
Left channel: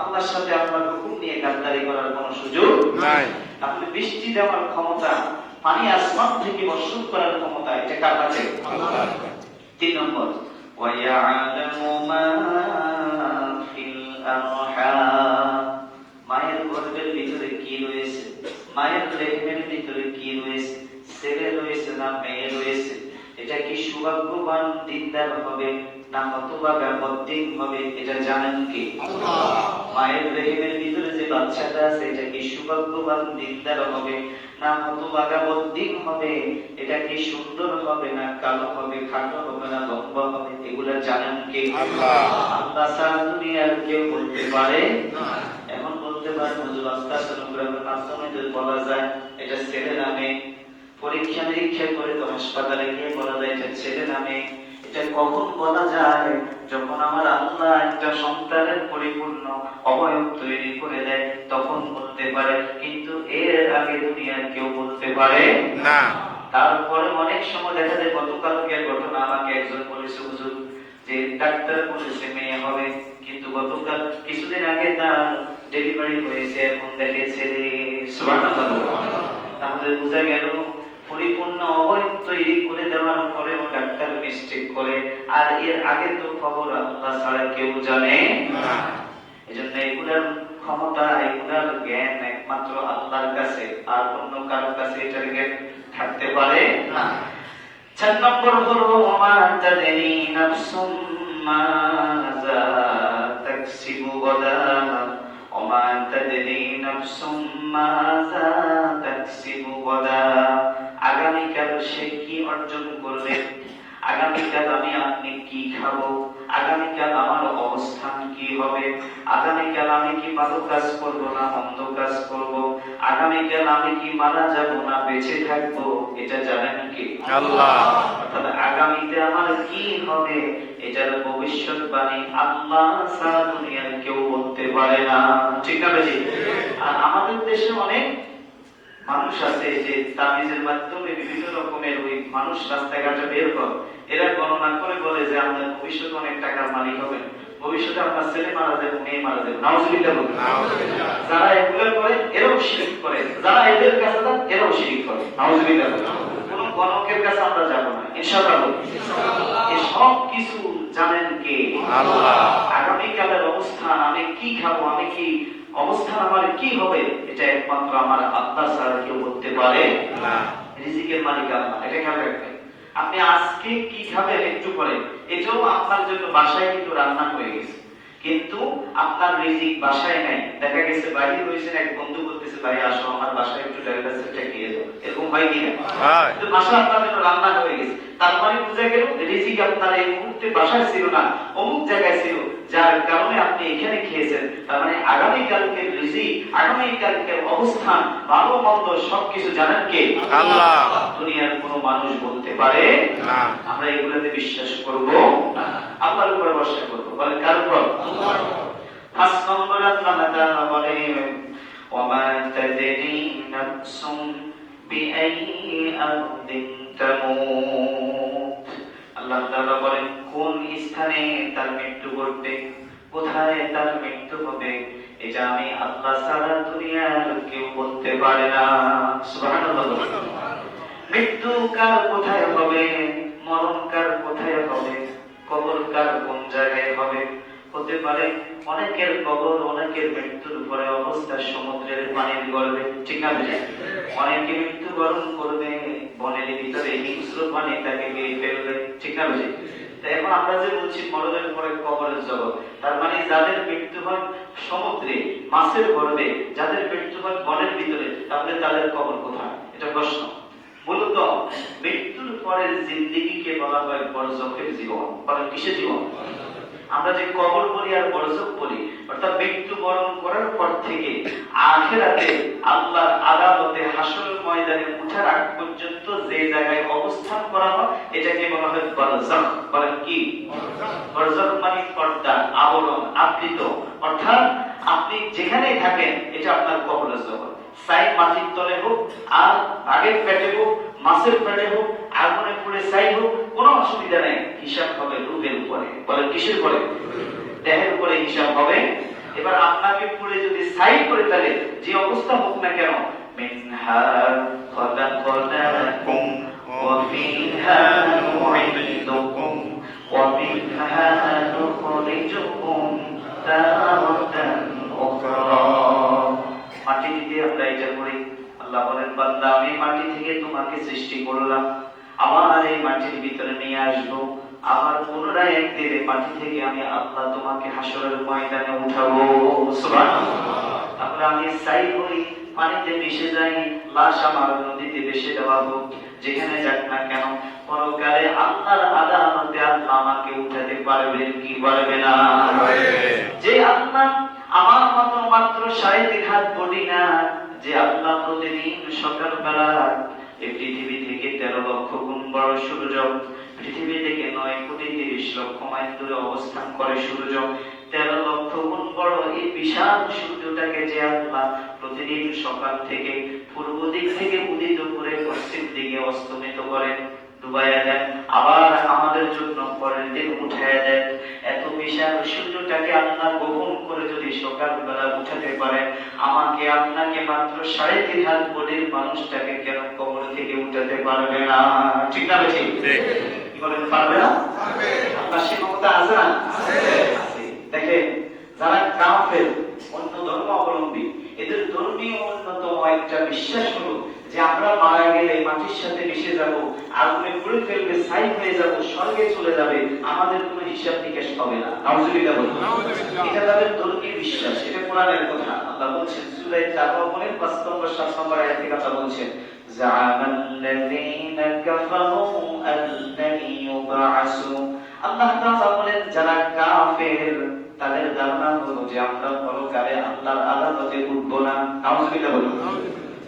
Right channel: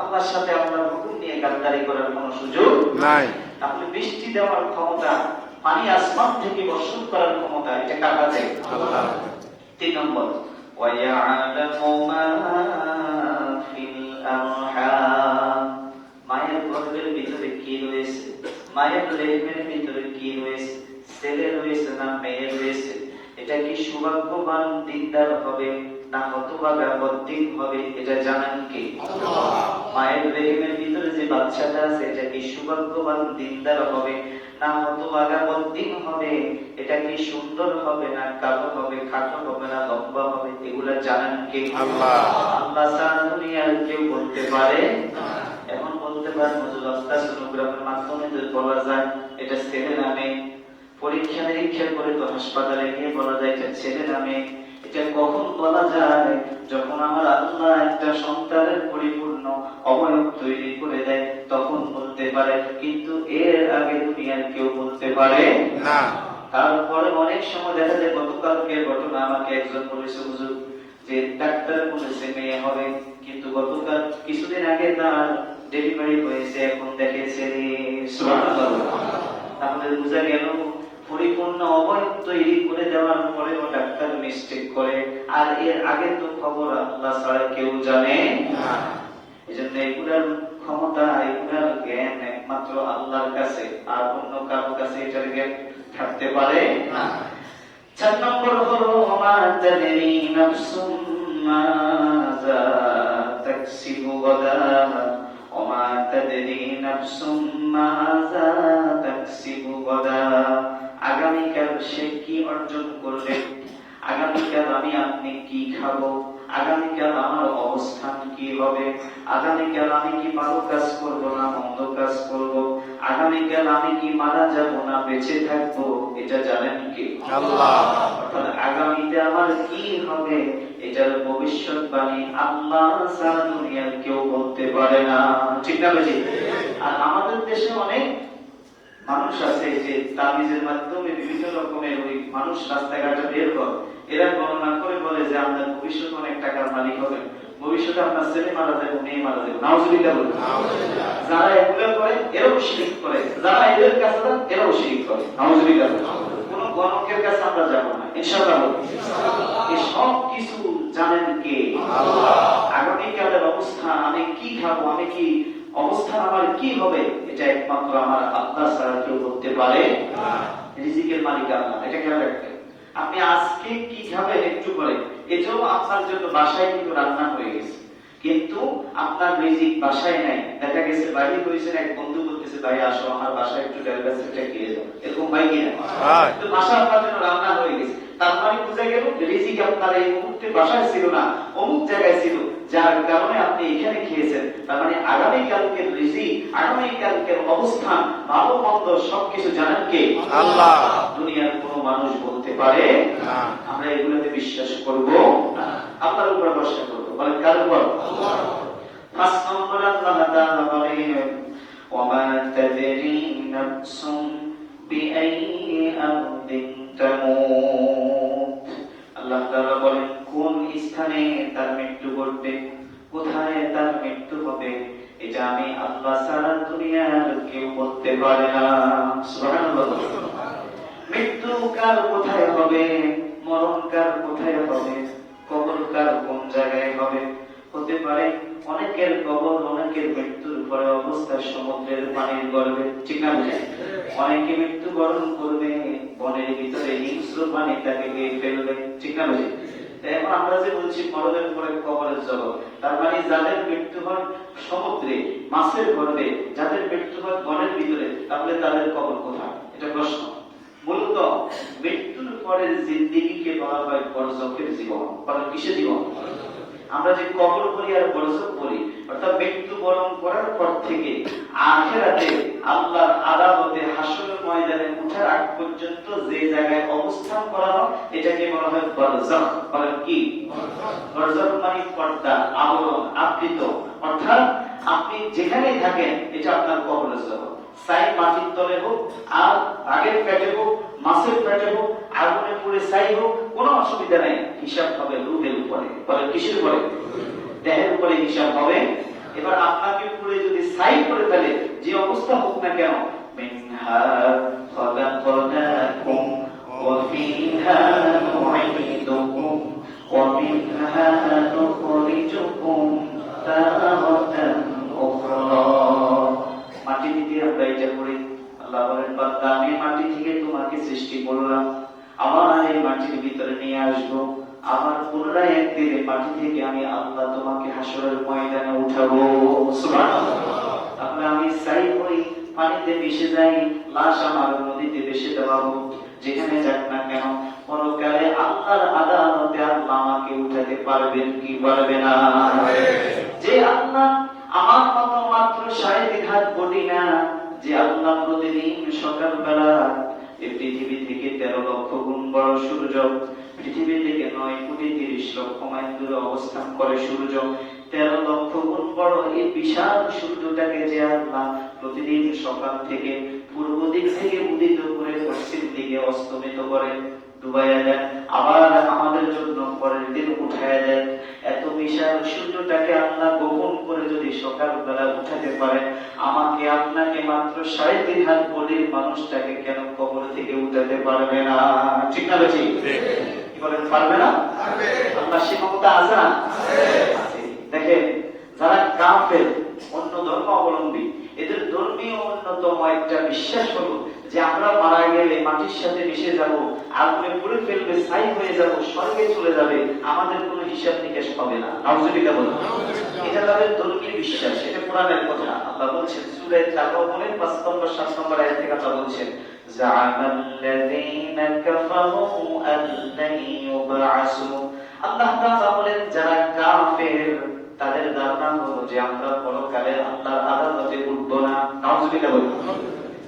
আল্লাহর সাথে আল্লাহর হুকুম নিয়ে গাদ্দারি করার কোনো সুযোগ নাই। তাহলে বৃষ্টি দেওয়ার ক্ষমতা, পানি আসমান থেকে বর্ষণ করার ক্ষমতা, এটা কার কাছে? আল্লাহর। 3 নম্বর, ওয়ায়ালামু মা ফিল আরহাম। মায়ের গর্ভের ভিতরে কি রয়েছে, মায়ের রেহেমের ভিতরে কি রয়েছে, ছেলে রয়েছে না মেয়ে রয়েছে, এটা কি সৌভাগ্যবান দিনদার হবে না হতভাগা বদ্দিন হবে, এটা জানেন কি? আল্লাহ। মায়ের রেহেমের ভিতরে যে বাচ্চাটা আছে এটা কি সৌভাগ্যবান দিনদার হবে না হতভাগা বদ্দিন হবে, এটা কি সুন্দর হবে না কালো হবে, খাটো হবে না লম্বা হবে, এগুলা জানেন কে? আল্লাহ। আল্লাহ ছাড়া দুনিয়ার কেউ বলতে পারে না। এখন বলতে পারে হুজুর আল্ট্রাসোনোগ্রামের মাধ্যমে যদি বলা যায় এটা ছেলে নামে, পরীক্ষা নিরীক্ষা করে তো হাসপাতালে গিয়ে বলা যায় এটা ছেলে নামে। এটা কখন বলা যায়? যখন আমার আল্লাহ একটা সন্তানের পরিপূর্ণ অবয়ব তৈরি করে দেয় তখন বলতে পারে, কিন্তু এর আগে দুনিয়ার কেউ বলতে পারে না। তারপরে অনেক সময় দেখা যায়, গতকালকের ঘটনা আমাকে একজন বলেছে হুজুর যে ডাক্তার বলেছে মেয়ে হবে, কিন্তু গতকাল কিছুদিন আগে তার ডেলিভারি হয়েছে, এখন দেখে ছেলে। সুবহানাল্লাহ। তাহলে বোঝা গেল পরিপূর্ণ অবয়ব তৈরি করে দেওয়ার পরেও ডাক্তার মিস্টেক করে, আর এর আগে তো খবর আল্লাহ ছাড়া কেউ জানে না। এজন্য এগুলার ক্ষমতা, এগুলার জ্ঞান একমাত্র আল্লাহর কাছে, আর অন্য কারোর কাছে এটার জ্ঞান থাকতে পারে না। 4 নম্বর হলো ওমা তাদরি নাফসুম মাযা তাকসিবু গাদা, ওমা তাদরি নাফসুম মাযা তাকসিবু গাদা। আগামীকাল সে কি অর্জন করবে, আগামীকাল আমি আপনি কি খাবো, আগামীকাল আমার অবস্থান কি হবে, আগামীকাল আমি কি ভালো কাজ করব না মন্দ কাজ করব, আগামীকাল আমি কি মারা যাব না বেঁচে থাকবো, এটা জানেন কি? আল্লাহ। অর্থাৎ আগামীতে আমার কি হবে এটার ভবিষ্যৎবাণী আল্লাহ ছাড়া দুনিয়ার কেউ বলতে পারে না। ঠিক না বেশি? আর আমাদের দেশে অনেক মানুষ আছে যে তাবিজের মাধ্যমে বিভিন্ন রকমের ওই মানুষ রাস্তাঘাটে বের কর, এরা গণনা করে বলে যে আপনার ভবিষ্যতে অনেক টাকার মালিক হবে, ভবিষ্যতে আপনার ছেলে মারা যাবে, মেয়ে মারা যাবে। নাউজুবিল্লাহ বলুন। যারা এগুলো করে এরাও শিরক করে, যারা এদের কাছে যান এরাও শিরক করে। নাউজুবিল্লাহ। কোন গণকের কাছে আমরা যাব না ইনশাআল্লাহ। এই সব কিছু জানেন কে? আল্লাহ। আগামীকালের অবস্থান, আমি কি খাবো, আমি কি অবস্থান আমার কি হবে, এটা একমাত্র আমার আল্লাহ ছাড়া কেউ বলতে পারে না। রিজিকের মালিক আল্লাহ, এটা খেয়াল রাখবেন। আপনি আজকে কি খাবেন একটু পরে, এটাও আপনার জন্য বাসায় কিন্তু রান্না হয়ে গেছে, কিন্তু আপনার রিজিক বাসায় নাই। দেখা গেছে বাইরে হয়েছেন, এক বন্ধু বলতেছে ভাই আসো আমার বাসায় একটু ডালটা সেটা খেয়ে যাও, এরকম হয় কিনা? কিন্তু বাসা আপনার জন্য রান্না হয়ে গেছে, তার মানে বোঝা গেল রিজিক আপনার এই মুহূর্তে বাসায় ছিল না, অমুক জায়গায় ছিল, যার কারণে আপনি এখানে খেয়েছেন। তার মানে আগামীকালকের রিজিক, আগামীকালকের অবস্থান, ভালো মন্দ সবকিছু জানেন কে? আল্লাহ। দুনিয়ার কোনো মানুষ বলতে পারে না। আমরা এগুলোতে বিশ্বাস করব না, আল্লাহর উপর ভরসা করব। বলেন কার উপর? আল্লাহর উপর। 5 নম্বর আল্লাহ তাআলা বলেন ওমা তাদরি নাফসুম বিআইয়ি আরদিন তামুত। আল্লাহ তাআলা বলেন কোন স্থানে তার মৃত্যু ঘটবে, কোথায় তার মৃত্যু হবে, এটা আমি আল্লাহ ছাড়া দুনিয়ার কেউ বলতে পারে না। সুবহানাল্লাহ। মৃত্যু কার কোথায় হবে, মরণ কার কোথায় হবে, কবর কার কোন জায়গায় হবে। হতে পারে অনেকের কবর, অনেকের মৃত্যুর পরে অবস্থা সমুদ্রের পানির গর্ভে। ঠিক না বুঝে? অনেকে মৃত্যুবরণ করবে বনের ভিতরে, হিংস্র পানি তাকে ফেলবে। ঠিক না বুঝে? তাই এখন আমরা যে বলছি মরণের পরে কবরের জগৎ, তার মানে যাদের মৃত্যু হয় সমুদ্রে মাছের গর্ভে, যাদের মৃত্যু হয় বনের ভিতরে, তাহলে তাদের কবর কোথায়? এটা প্রশ্ন। মূলত মৃত্যুর পরের জিন্দেগিকে বলা হয় বরজখের জীবন। বলেন কিসের জীবন? আমরা যে কবর বলি আর বরজখ বলি, অর্থাৎ মৃত্যুবরণ করার পর থেকে আখিরাতে আল্লাহর আদালতে হাসরের ময়দানে ওঠার আগ পর্যন্ত যে জায়গায় অবস্থান করা হয় এটাকে বলা হয় বরজখ। বলেন কি? বরজখ মানে পর্দা, আবরণ, আবৃত। অর্থাৎ আপনি যেখানেই থাকেন এটা আপনার কবরের জগৎ। সাই মাটির তলে হোক, আর বাঘের পেটে হোক, মাছের পেটে হোক, আগুনে পুড়ে ছাই হোক, কোনো অসুবিধা নেই। হিসাব হবে রূহের উপরে। বলেন কিসের উপরে? দেহের উপরে হিসাব হবে। এবার আপনাকে পুড়ে যদি ছাই করে ফেলে, যে অবস্থা হোক না কেন, মিনহা খালাকনাকুম ওয়া ফিহা নুঈদুকুম ওয়া মিনহা নুখরিজুকুম তারাতান উখরা। মাটি থেকে আমরা এটা করি। আল্লাহ বলেন বান্দা আমি মাটি থেকে তোমাকে সৃষ্টি করলাম, আমার এই মাটির ভিতরে নিয়ে আসবো, আমার পুনরায় একদিন এই মাটি থেকে আমি আল্লাহ তোমাকে হাসরের ময়দানে উঠাবো। সুবহানাল্লাহ। আমরা পানিতে মিশে যায়, লাশ আমার নদীতে ভেসে দেওয়া হোক, যেখানে যাক না কেন পরকালে আল্লাহর আদালতে আল্লাহ আমাকে উঠাতে পারবেন কি পারবে না? যে আল্লাহ আমার মতো মাত্র 3.5 হাত বডি না, যে আল্লাহ প্রতিদিন সকালবেলা এই পৃথিবী থেকে 13 লক্ষ গুণ বড় সূর্য, পৃথিবী থেকে 9,30,00,000 মাইল দূরে অবস্থান করে সূর্য, 13 লক্ষ গুণ বড় এই বিশাল সূর্যটাকে যে আল্লাহ প্রতিদিন সকাল থেকে পূর্ব দিক থেকে উদিত করে পশ্চিম দিকে অস্তমিত করেন, ডুবাইয়া দেন, আবার আমাদের জন্য পরের দিন উঠাইয়া দেন, এত বিশাল সূর্যটাকে আল্লাহ গোপন করে যদি সকালবেলা উঠাতে পারে, আমাকে আপনাকে মাত্র 3.5 হাত বডির মানুষটাকে কেন কবর থেকে উঠাতে পারবে না? ঠিক না বেশি বলেন, পারবে না? আল্লাহ সে ক্ষমতা আছে না? দেখেন, যারা কাফের, অন্য ধর্ম অবলম্বী, এদের ধর্মীয় অন্যতম একটা বিশ্বাস হলো যে আমরা মারা গেলে মাটির সাথে মিশে যাব, আগুনে পুড়ে ফেলবে, ছাই হয়ে যাব, স্বর্গে চলে যাবে, আমাদের কোনো হিসাব নিকাশ হবে না। নাউজুবিল্লাহ বলেন। এটা তাদের ধর্মীয় বিশ্বাস, এটা কোরআনের কথা। আল্লাহ বলছেন সূরা তাওবার 5 নম্বর 7 নম্বর আয়াত থেকে আল্লাহ বলছেন, জাআলাল্লাযীনা কাফারু আল্লান ইউবআসু। আল্লাহ তাআলা বলেন যারা কাফের তাদের ধারণা হলো যে আমরা পরকালে আল্লাহর আদালতে উঠব না। নাউজুবিল্লাহ বলেন।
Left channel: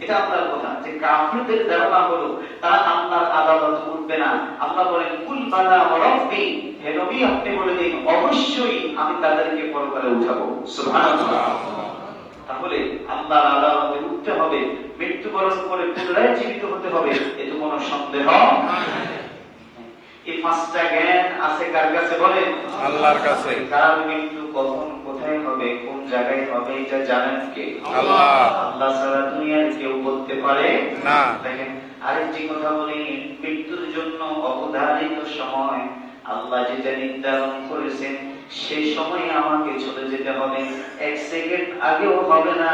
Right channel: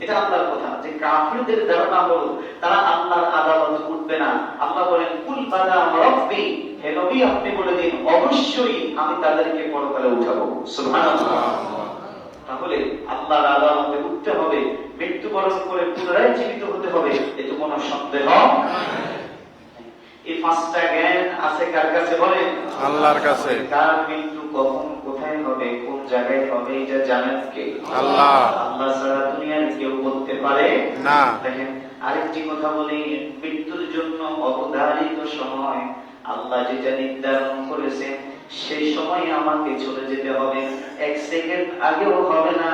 এটা আল্লাহর কথা, যে কাফিরদের ধারণা হলো তারা আল্লাহর আদালতে উঠবে না। আল্লাহ বলেন, কুল বালা রাব্বি, হে নবী আপনি বলে দিন অবশ্যই আমি তাদেরকে পরকালে উঠাবো। সুবহানাল্লাহ। তাহলে আল্লাহর আদালতে উঠতে হবে, মৃত্যুবরণ করে পুনরায় জীবিত হতে হবে, এতে কোনো সন্দেহ নাই। এই 5টা জ্ঞান আছে কার কাছে বলেন? আল্লাহর কাছে। কার মৃত্যু কখন কোথায় হবে, কোন জায়গায় হবে, এটা জানেন কে? আল্লাহ। আল্লাহ ছাড়া দুনিয়ার কেউ বলতে পারে না। দেখেন আরেকটি কথা বলি, মৃত্যুর জন্য অবধারিত সময় আল্লাহ যেটা নির্ধারণ করেছেন সেই সময় আমাকে চলে যেতে হবে। 1 সেকেন্ড আগেও হবে না,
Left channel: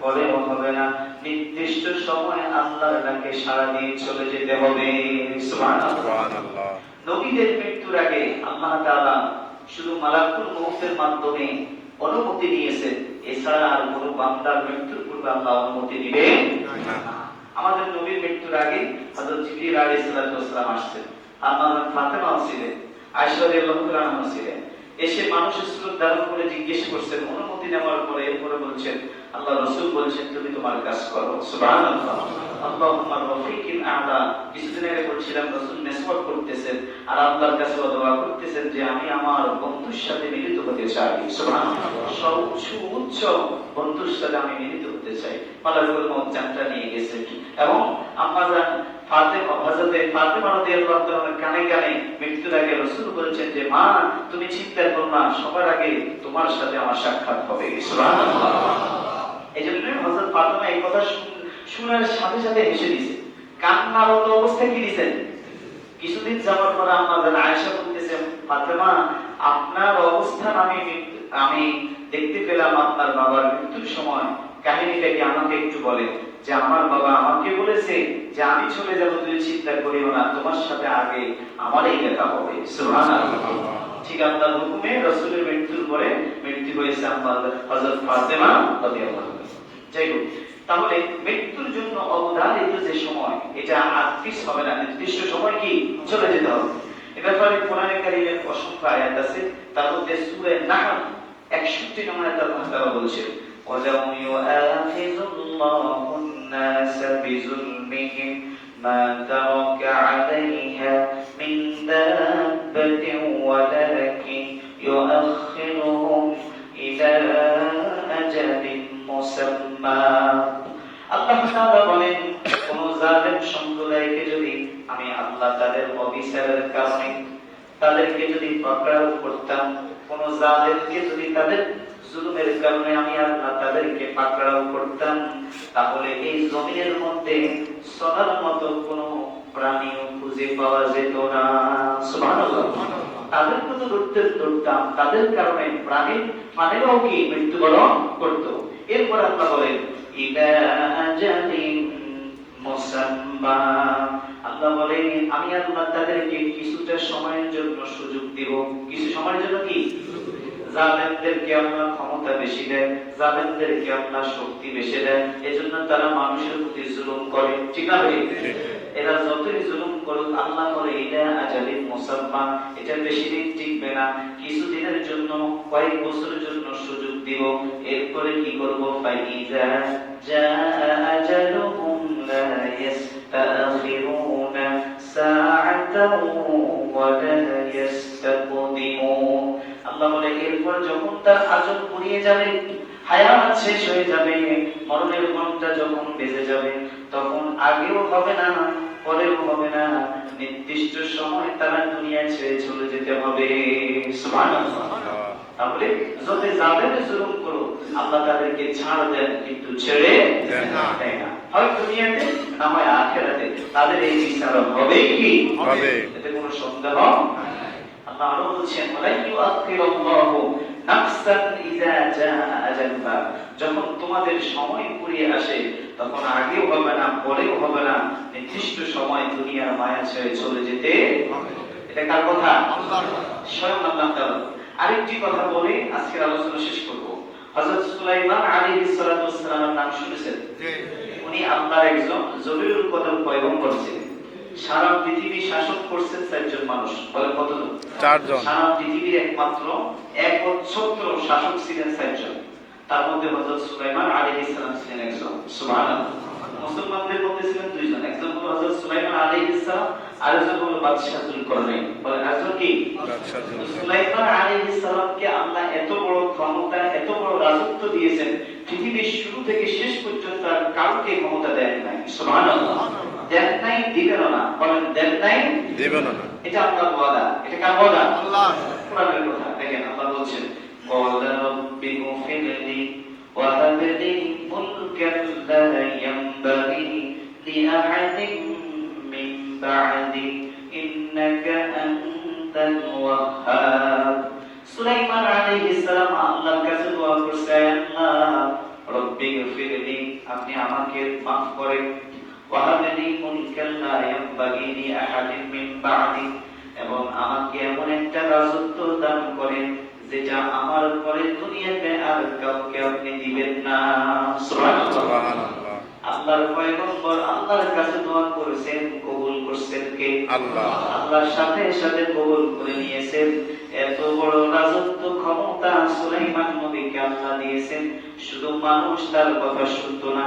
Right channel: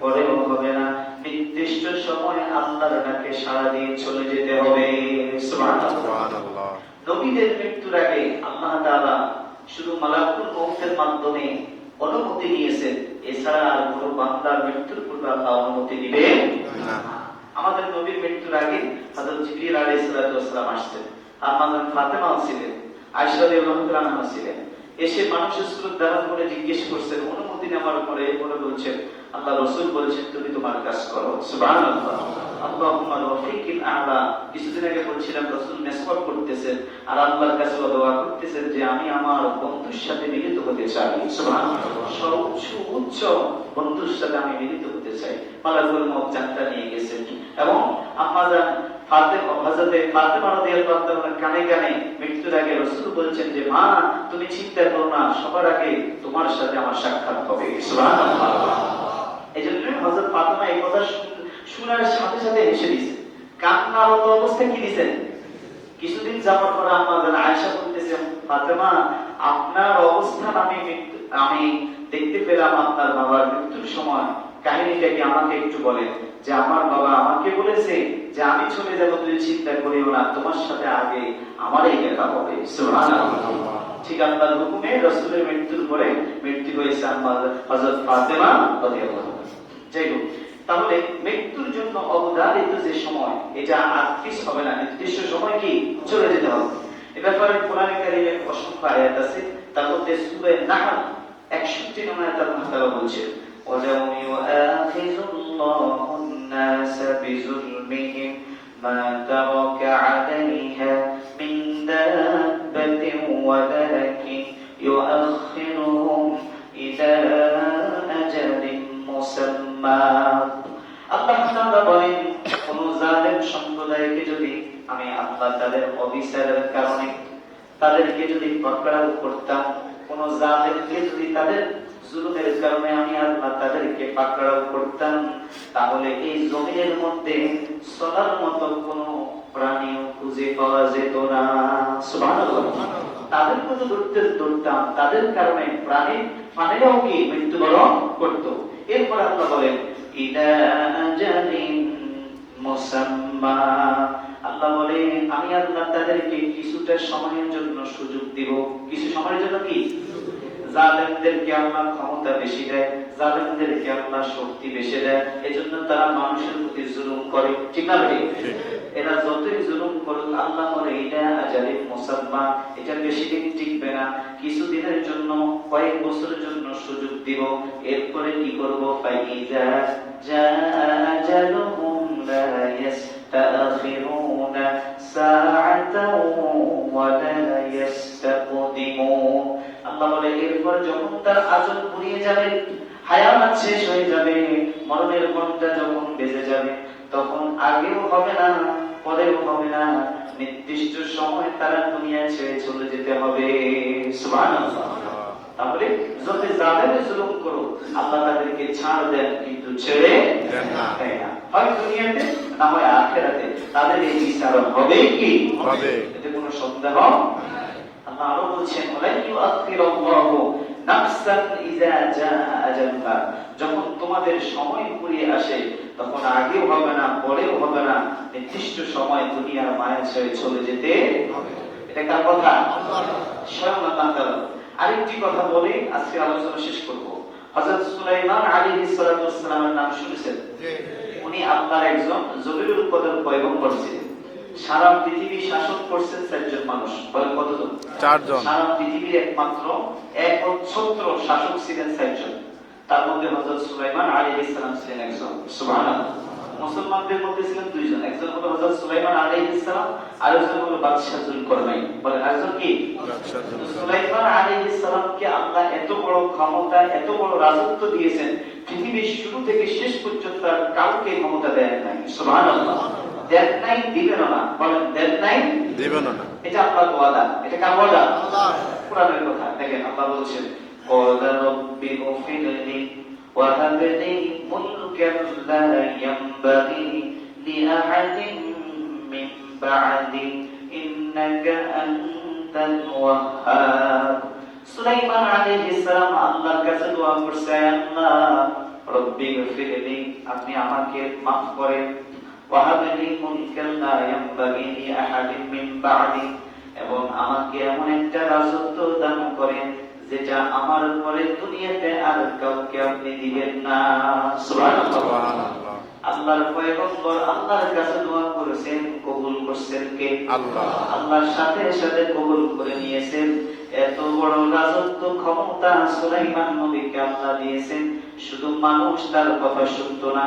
পরেও হবে না, নির্দিষ্ট সময় আল্লাহর ডাকে সাড়া দিয়ে চলে যেতে হবে। সুবহানাল্লাহ। নবীদের মৃত্যুর আগে আল্লাহ তাআলা শুধু মালাকুল মউতের মাধ্যমে অনুমতি দিয়েছেন, এছাড়া আর কোনো বান্দার মৃত্যুর পূর্বে আল্লাহ অনুমতি দিবেন না। আমাদের নবীর মৃত্যুর আগে হযরত জিবরিল আলাইহিস সালাম আসছেন, আমাদের ফাতেমা ছিলেন, আয়েশা রাদিয়াল্লাহু আনহা ছিলেন। এসে মানুষের সুরত ধারণ করে জিজ্ঞেস করছেন, অনুমতি নেওয়ার পরে এরপরে বলছেন, আল্লাহ রাসূল বলেছেন তুমি তোমার কাজ করো। সুবহানাল্লাহ। আল্লাহুম্মা রাফিকিল আ'লা। কিছুদিন আগে বলছিলাম রাসূল মেসওয়াক করতেছেন আর আল্লাহর কাছে দোয়া করতেছেন যে আমি আমার বন্ধুর সাথে মিলিত হতে চাই। সুবহানাল্লাহ। সর্বোচ্চ বন্ধুর সাথে আমি মিলিত হতে চাই। মালাকুল মউত যাত্রা নিয়ে গেছেন এবং আম্মা জান ফাতেমা রাদিয়াল্লাহু তাআলার কানে কানে মৃত্যুর আগে রাসূল বলেছেন যে মা তুমি চিন্তা করো না, সবার আগে তোমার সাথে আমার সাক্ষাৎ হবে। সুবহানাল্লাহ। এইজন্য হযরত ফাতেমা এই কথা শোনার সাথে সাথে হেসে দিয়েছে, কান্নারত অবস্থায় কি দিয়েছেন। কিছুদিন যাওয়ার পর আম্মা জান আয়েশা বলতেছেন, ফাতেমা আপনার অবস্থান আমি দেখতে পেলাম আপনার বাবার মৃত্যুর সময়, কাহিনীটা কি আমাকে একটু বলেন। যে আমার বাবা আমাকে বলেছে যে আমি চলে যাব, তুই চিন্তা করিও না, তোমার সাথে আগে আমারই দেখা হবে। সুবহানাল্লাহ। ঠিক আল্লাহর হুকুমে রাসূলের মৃত্যুর পরে মৃত্যু হয়েছে হযরত ফাতেমা রাদিয়াল্লাহু আনহা। যাই হোক, তাহলে মৃত্যুর জন্য অবধারিত যে সময় এটা আত্মীস হবে না, নির্দিষ্ট সময় কি চলে যেতে হবে। এ ব্যাপারে কোরআনে কারীমের অসংখ্য আয়াত আছে, তার মধ্যে সূরা নাহল 61 নম্বর আয়াতে আল্লাহ তাআলা বলছেন, وَيَوْمَ يُؤَاخِذُ اللَّهُ النَّاسَ بِظُلْمِهِمْ مَا تَرَكَ عَلَيْهَا مِنْ دَابَّةٍ وَلَكِنْ يُؤَخِّرُهُمْ إِلَى أَجَلٍ مُّسَمًّى। আল্লাহ তাআলা বলেন, কোন জালেম সম্প্রদায়কে যদি আমি আল্লাহ তাদের অবিচারের কারণে তাদেরকে যদি পাকড়াও করতাম, কোন জালেমকে যদি তাদের জুলুমের কারণে আমি আল্লাহ তাদেরকে পাকড়াও করতাম, তাহলে এই জমিনের মধ্যে চলার মতো কোন প্রাণীও খুঁজে পাওয়া যেত না। সুবহানাল্লাহ। তাদেরকে তো ধরতাম, তাদের কারণে প্রাণীরাও কি মৃত্যুবরণ করত। এরপর আল্লাহ বলেন, ইলা আজালিন মুসাম্মা। আল্লাহ বলে আমি আল্লাহ তাদেরকে কিছুটা সময়ের জন্য সুযোগ দিব। কিছু সময়ের জন্য কি? জালেমদেরকে আল্লাহ ক্ষমতা বেশি দেয়, জালেমদেরকে আল্লাহ শক্তি বেশি দেয়, এজন্য তারা মানুষের প্রতি জুলুম করে, ঠিক না ভাই? এরা যতই জুলুম করুক আল্লাহ বলে এটা আজালিন মুসাম্মা, এটা বেশি দিন টিকবে না, কিছুদিনের জন্য, কয়েক বছরের জন্য সুযোগ দিব, এরপরে কি করবো? ফাইজা জাআ আজালুহুম লা ইস্তাখিরুনা সাআতাও ওয়া লা ইস্তাকদিমুন। আল্লাহ বলে এরপর যখন তার আজল ফুরিয়ে যাবে, হায়াত শেষ হয়ে যাবে, মরণের ঘন্টা যখন বেজে যাবে, তখন আগেও হবে না, পরেও হবে না, নির্দিষ্ট সময় তারা দুনিয়া ছেড়ে চলে যেতে হবে। সুবহানাল্লাহ। তাহলে যত জালেমে জুলুম করো আল্লাহ তাদেরকে ছাড় দেন, কিন্তু ছেড়ে দেন না। হয় দুনিয়াতে না হয় আখিরাতে তাদের এই বিচার হবে কি হবে, এতে কোনো সন্দেহ নাই। আল্লাহ আরো বলছেন যখন তোমাদের সময় ফুরিয়ে আসে তখন আগেও হবে না, পরেও হবে না, নির্দিষ্ট সময় দুনিয়ার মায়া ছেড়ে চলে যেতে হবে। এটা কার কথা? স্বয়ং আল্লাহ তাআলা। আরেকটি কথা বলে আজকের আলোচনা শেষ করব। হযরত সুলাইমান আলাইহিস সালাতু ওয়াস সালামের নাম শুনেছেন? উনি আল্লাহর একজন জলিলুল কদর পয়গম্বর ছিলেন। সারা পৃথিবী শাসন করছেন 4 জন মানুষ। বলে কতজন? 4 জন। সারা পৃথিবীর একমাত্র একচ্ছত্র শাসক ছিলেন 4 জন। তার মধ্যে হযরত সুলাইমান আলাইহিস সালাম ছিলেন একজন। সুবহানাল্লাহ। মুসলমানদের মধ্যে ছিলেন 2 জন, একজন হলো হযরত সুলাইমান আলাইহিস সালাম, আরেকজন হলো বাদশা যুলকারনাইন। বলে একজন কি? বাদশা যুলকারনাইন। সুলাইমান আলাইহিস সালামকে আল্লাহ এত বড় ক্ষমতা, এত বড় রাজত্ব দিয়েছেন, পৃথিবীর শুরু থেকে শেষ পর্যন্ত আর কাউকে ক্ষমতা দেন নাই। সুবহানাল্লাহ। দেন নাই, দিবেন না। বলেন দেন নাই, দিবেন না। এটা আল্লাহর ওয়াদা। এটা কার ওয়াদা? আল্লাহ। কোরআনের কথা। দেখেন আল্লাহ বলছেন ক্বালা রাব্বি গফিরলি ওয়া হাব লি মুলকান লা ইয়ানবাগি লিআহাদিন মিন বা'দি ইন্নাকা আনতাল ওয়াহ্হাব। সুলাইমান আলাইহিস সালাম আল্লাহর কাছে দোয়া করছেন, আল্লাহ রাব্বি গফিরলি, আপনি আমাকে মাফ করেন, ওয়াহাবলি মুলকান লা ইয়ানবাগি লিআহাদিন মিন বা'দি, এবং আমাকে এমন একটা রাজত্ব দান করেন যেটা আমার পরে দুনিয়াতে আর কাউকে আপনি দিবেন না। সুবহানাল্লাহ। আল্লাহর পয়গম্বর আল্লাহর কাছে দোয়া করেছেন, কবুল করছেন কে? আল্লাহ। আল্লাহর সাথে সাথে কবুল করে নিয়েছেন। এত বড় রাজত্ব ক্ষমতা সুলাইমান নবীকে আল্লাহ দিয়েছেন। শুধু মানুষ তার কথা শুনতো না,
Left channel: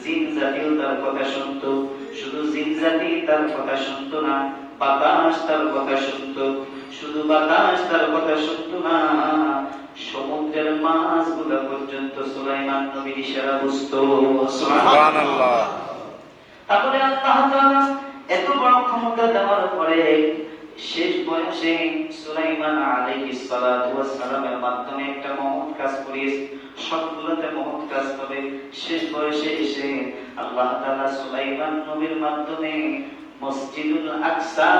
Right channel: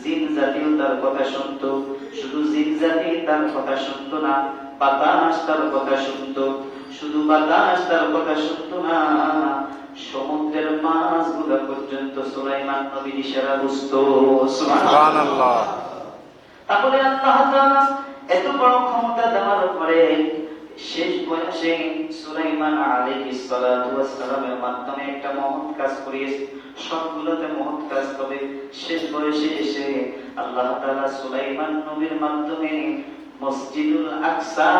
জিন জাতিও তার কথা শুনতো। শুধু জিন জাতি তার কথা শুনতো না, বাতাস তার কথা শুনতো। শুধু বাতাস তার কথা শুনতো না, সমুদ্রের মাছগুলো পর্যন্ত সুলাইমান নবীর ইশারা বুঝতো। সুবহানাল্লাহ। তাহলে আল্লাহ তাআলা এত বড় ক্ষমতা দেওয়ার পরে শেষ বয়সে সুলাইমান আলাইহিস সালাতু ওয়াস সালামের মাধ্যমে একটা মহৎ কাজ করিয়েছে। সবগুলোতে মহৎ কাজ হবে। শেষ বয়সে এসে আল্লাহ তাআলা সুলাইমান নবীর মাধ্যমে মসজিদুল আকসা,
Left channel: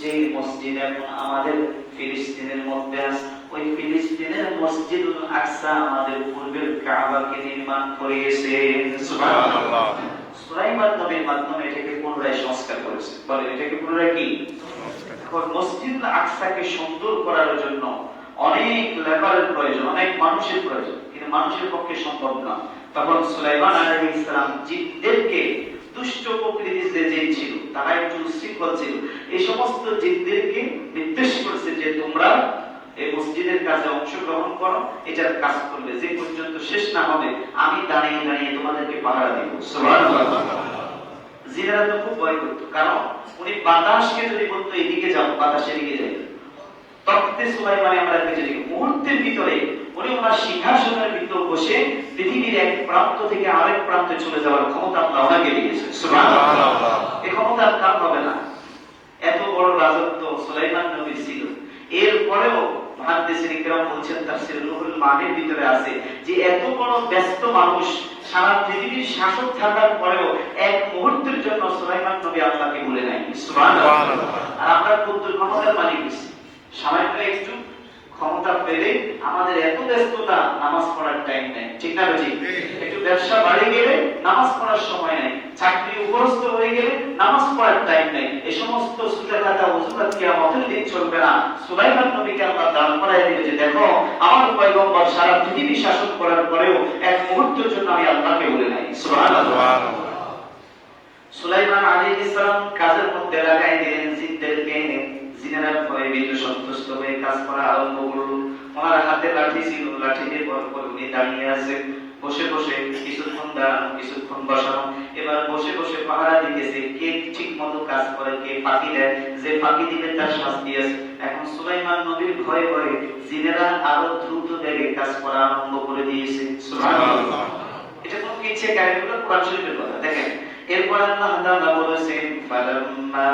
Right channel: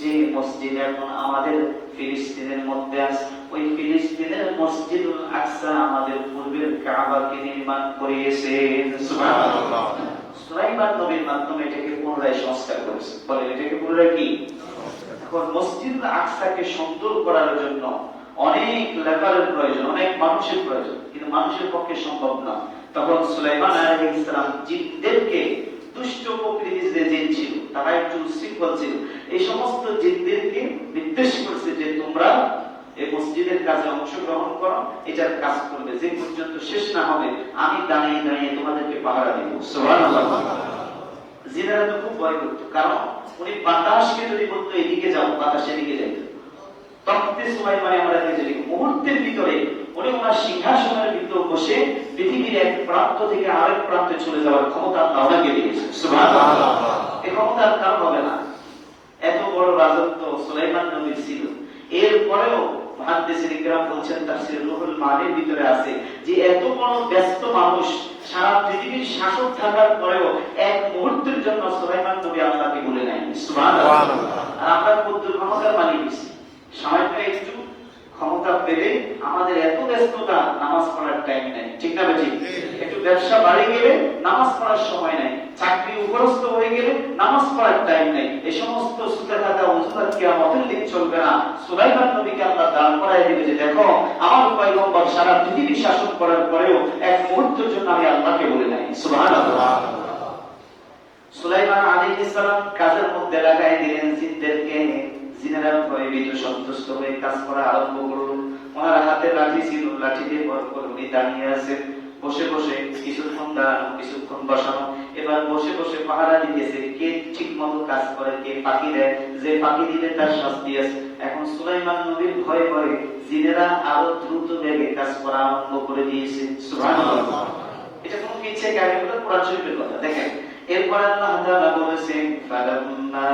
যে মসজিদ এখন আমাদের ফিলিস্তিনের মধ্যে আছে, ওই ফিলিস্তিনের মসজিদুল আকসা আমাদের পূর্বের কাবাকে নির্মাণ করিয়েছেন। সুবহানাল্লাহ। সুলাইমান নবীর মাধ্যমে এটাকে পুনরায় সংস্কার করেছে। বলে এটাকে পুনরায় কি? এখন মসজিদুল আকসাকে সুন্দর করার জন্য অনেক লেবারের প্রয়োজন, অনেক মানুষের প্রয়োজন, কিন্তু মানুষের পক্ষে সম্ভব না। তখন সুলাইমান আলাইহিস সালাম জিনদেরকে, দুষ্ট প্রকৃতির যে জিন ছিল তারা একটু উশৃঙ্খল ছিল, এই সমস্ত জিনদেরকে নির্দেশ করেছে যে তোমরা এই মসজিদের কাজে অংশগ্রহণ করো, এটার কাজ করবে, যে পর্যন্ত শেষ না হবে আমি দাঁড়িয়ে দাঁড়িয়ে তোমাদেরকে পাহারা দিব। সুবহানাল্লাহ। জিনেরা তো খুব ভয় করত, কারণ উনি বাতাসকে যদি বলতো এদিকে যাও, বাতাস এদিকে যাই। তখতে সুলাইমানে আমরা দেখেছি মুহূর্তের ভিতরে উনি ওনার সিংহাসনের ভিতর বসে পৃথিবীর এক প্রান্ত থেকে আরেক প্রান্তে চলে যাওয়ার ক্ষমতা আল্লাহ ওনাকে দিয়েছেন। সুবহানাল্লাহ। এই ক্ষমতা আর কার হবে না। এত বড় রাজত্ব সুলাইমান নবীর ছিল। এরপরেও মুহাদ্দিসিন ইকরাম বলছেন, তাফসীর রুহুল মানির ভিতরে আছে যে এত বড় ব্যস্ত মানুষ সারা পৃথিবীর শাসক থাকার পরেও এক মুহূর্তের জন্য সুলাইমান নবী আল্লাহকে ভুলে নাই। সুবহানাল্লাহ। আর আমরা কত ক্ষমতার মালিক হইছি, সামান্য একটু ক্ষমতা পেলে আমাদের এত ব্যস্ততা, নামাজ পড়ার টাইম নেই, ঠিক না? একটু ব্যবসা বাড়ি গেলে নামাজ পড়ার সময় নাই, চাকরি উপরস্থ হয়ে গেলে নামাজ পড়ার টাইম নাই। এই সমস্ত সুতা খাতা ওসুলাত কিয়ামতের দিন চলবে না। সুলাইমান নবীকে আল্লাহ দাঁড় করায় দিবে যে দেখো আমার পয়গম্বর সারা পৃথিবী শাসন করার পরেও এক মুহূর্তের জন্য আমি আল্লাহকে বলি নাই। সুবহানাল্লাহ। সুলাইমান আলাইহিস সালাম কাজের মধ্যে লাগাই দিলেন জিনদেরকে। জিনেরা ভয়ে ভীত সন্তুষ্ট হয়ে কাজ করা আরম্ভ করল। ওনার হাতে লাঠি ছিল, লাঠি দিয়ে পরপর উনি দাঁড়িয়ে আছেন। বসে বসে কিছুক্ষণ দাঁড়ানো, কিছুক্ষণ বসানো, এবার বসে বসে পাহারা দিতেছে কে ঠিক মতো কাজ করে, কে ফাঁকি দেয়, যে ফাঁকি দিলে তার শাস্তি আছে। এখন সুলাইমান নবীর ভয়ে ভয়ে জিনেরা আরো দ্রুত বেগে কাজ করা আরম্ভ করে দিয়েছে। সুবহানাল্লাহ। এটা কোন কিচ্ছে কাহিনী, কোরআন শরীফের কথা। দেখেন এরপর আল্লাহ তাআলা বলেছেন ফালাম্মা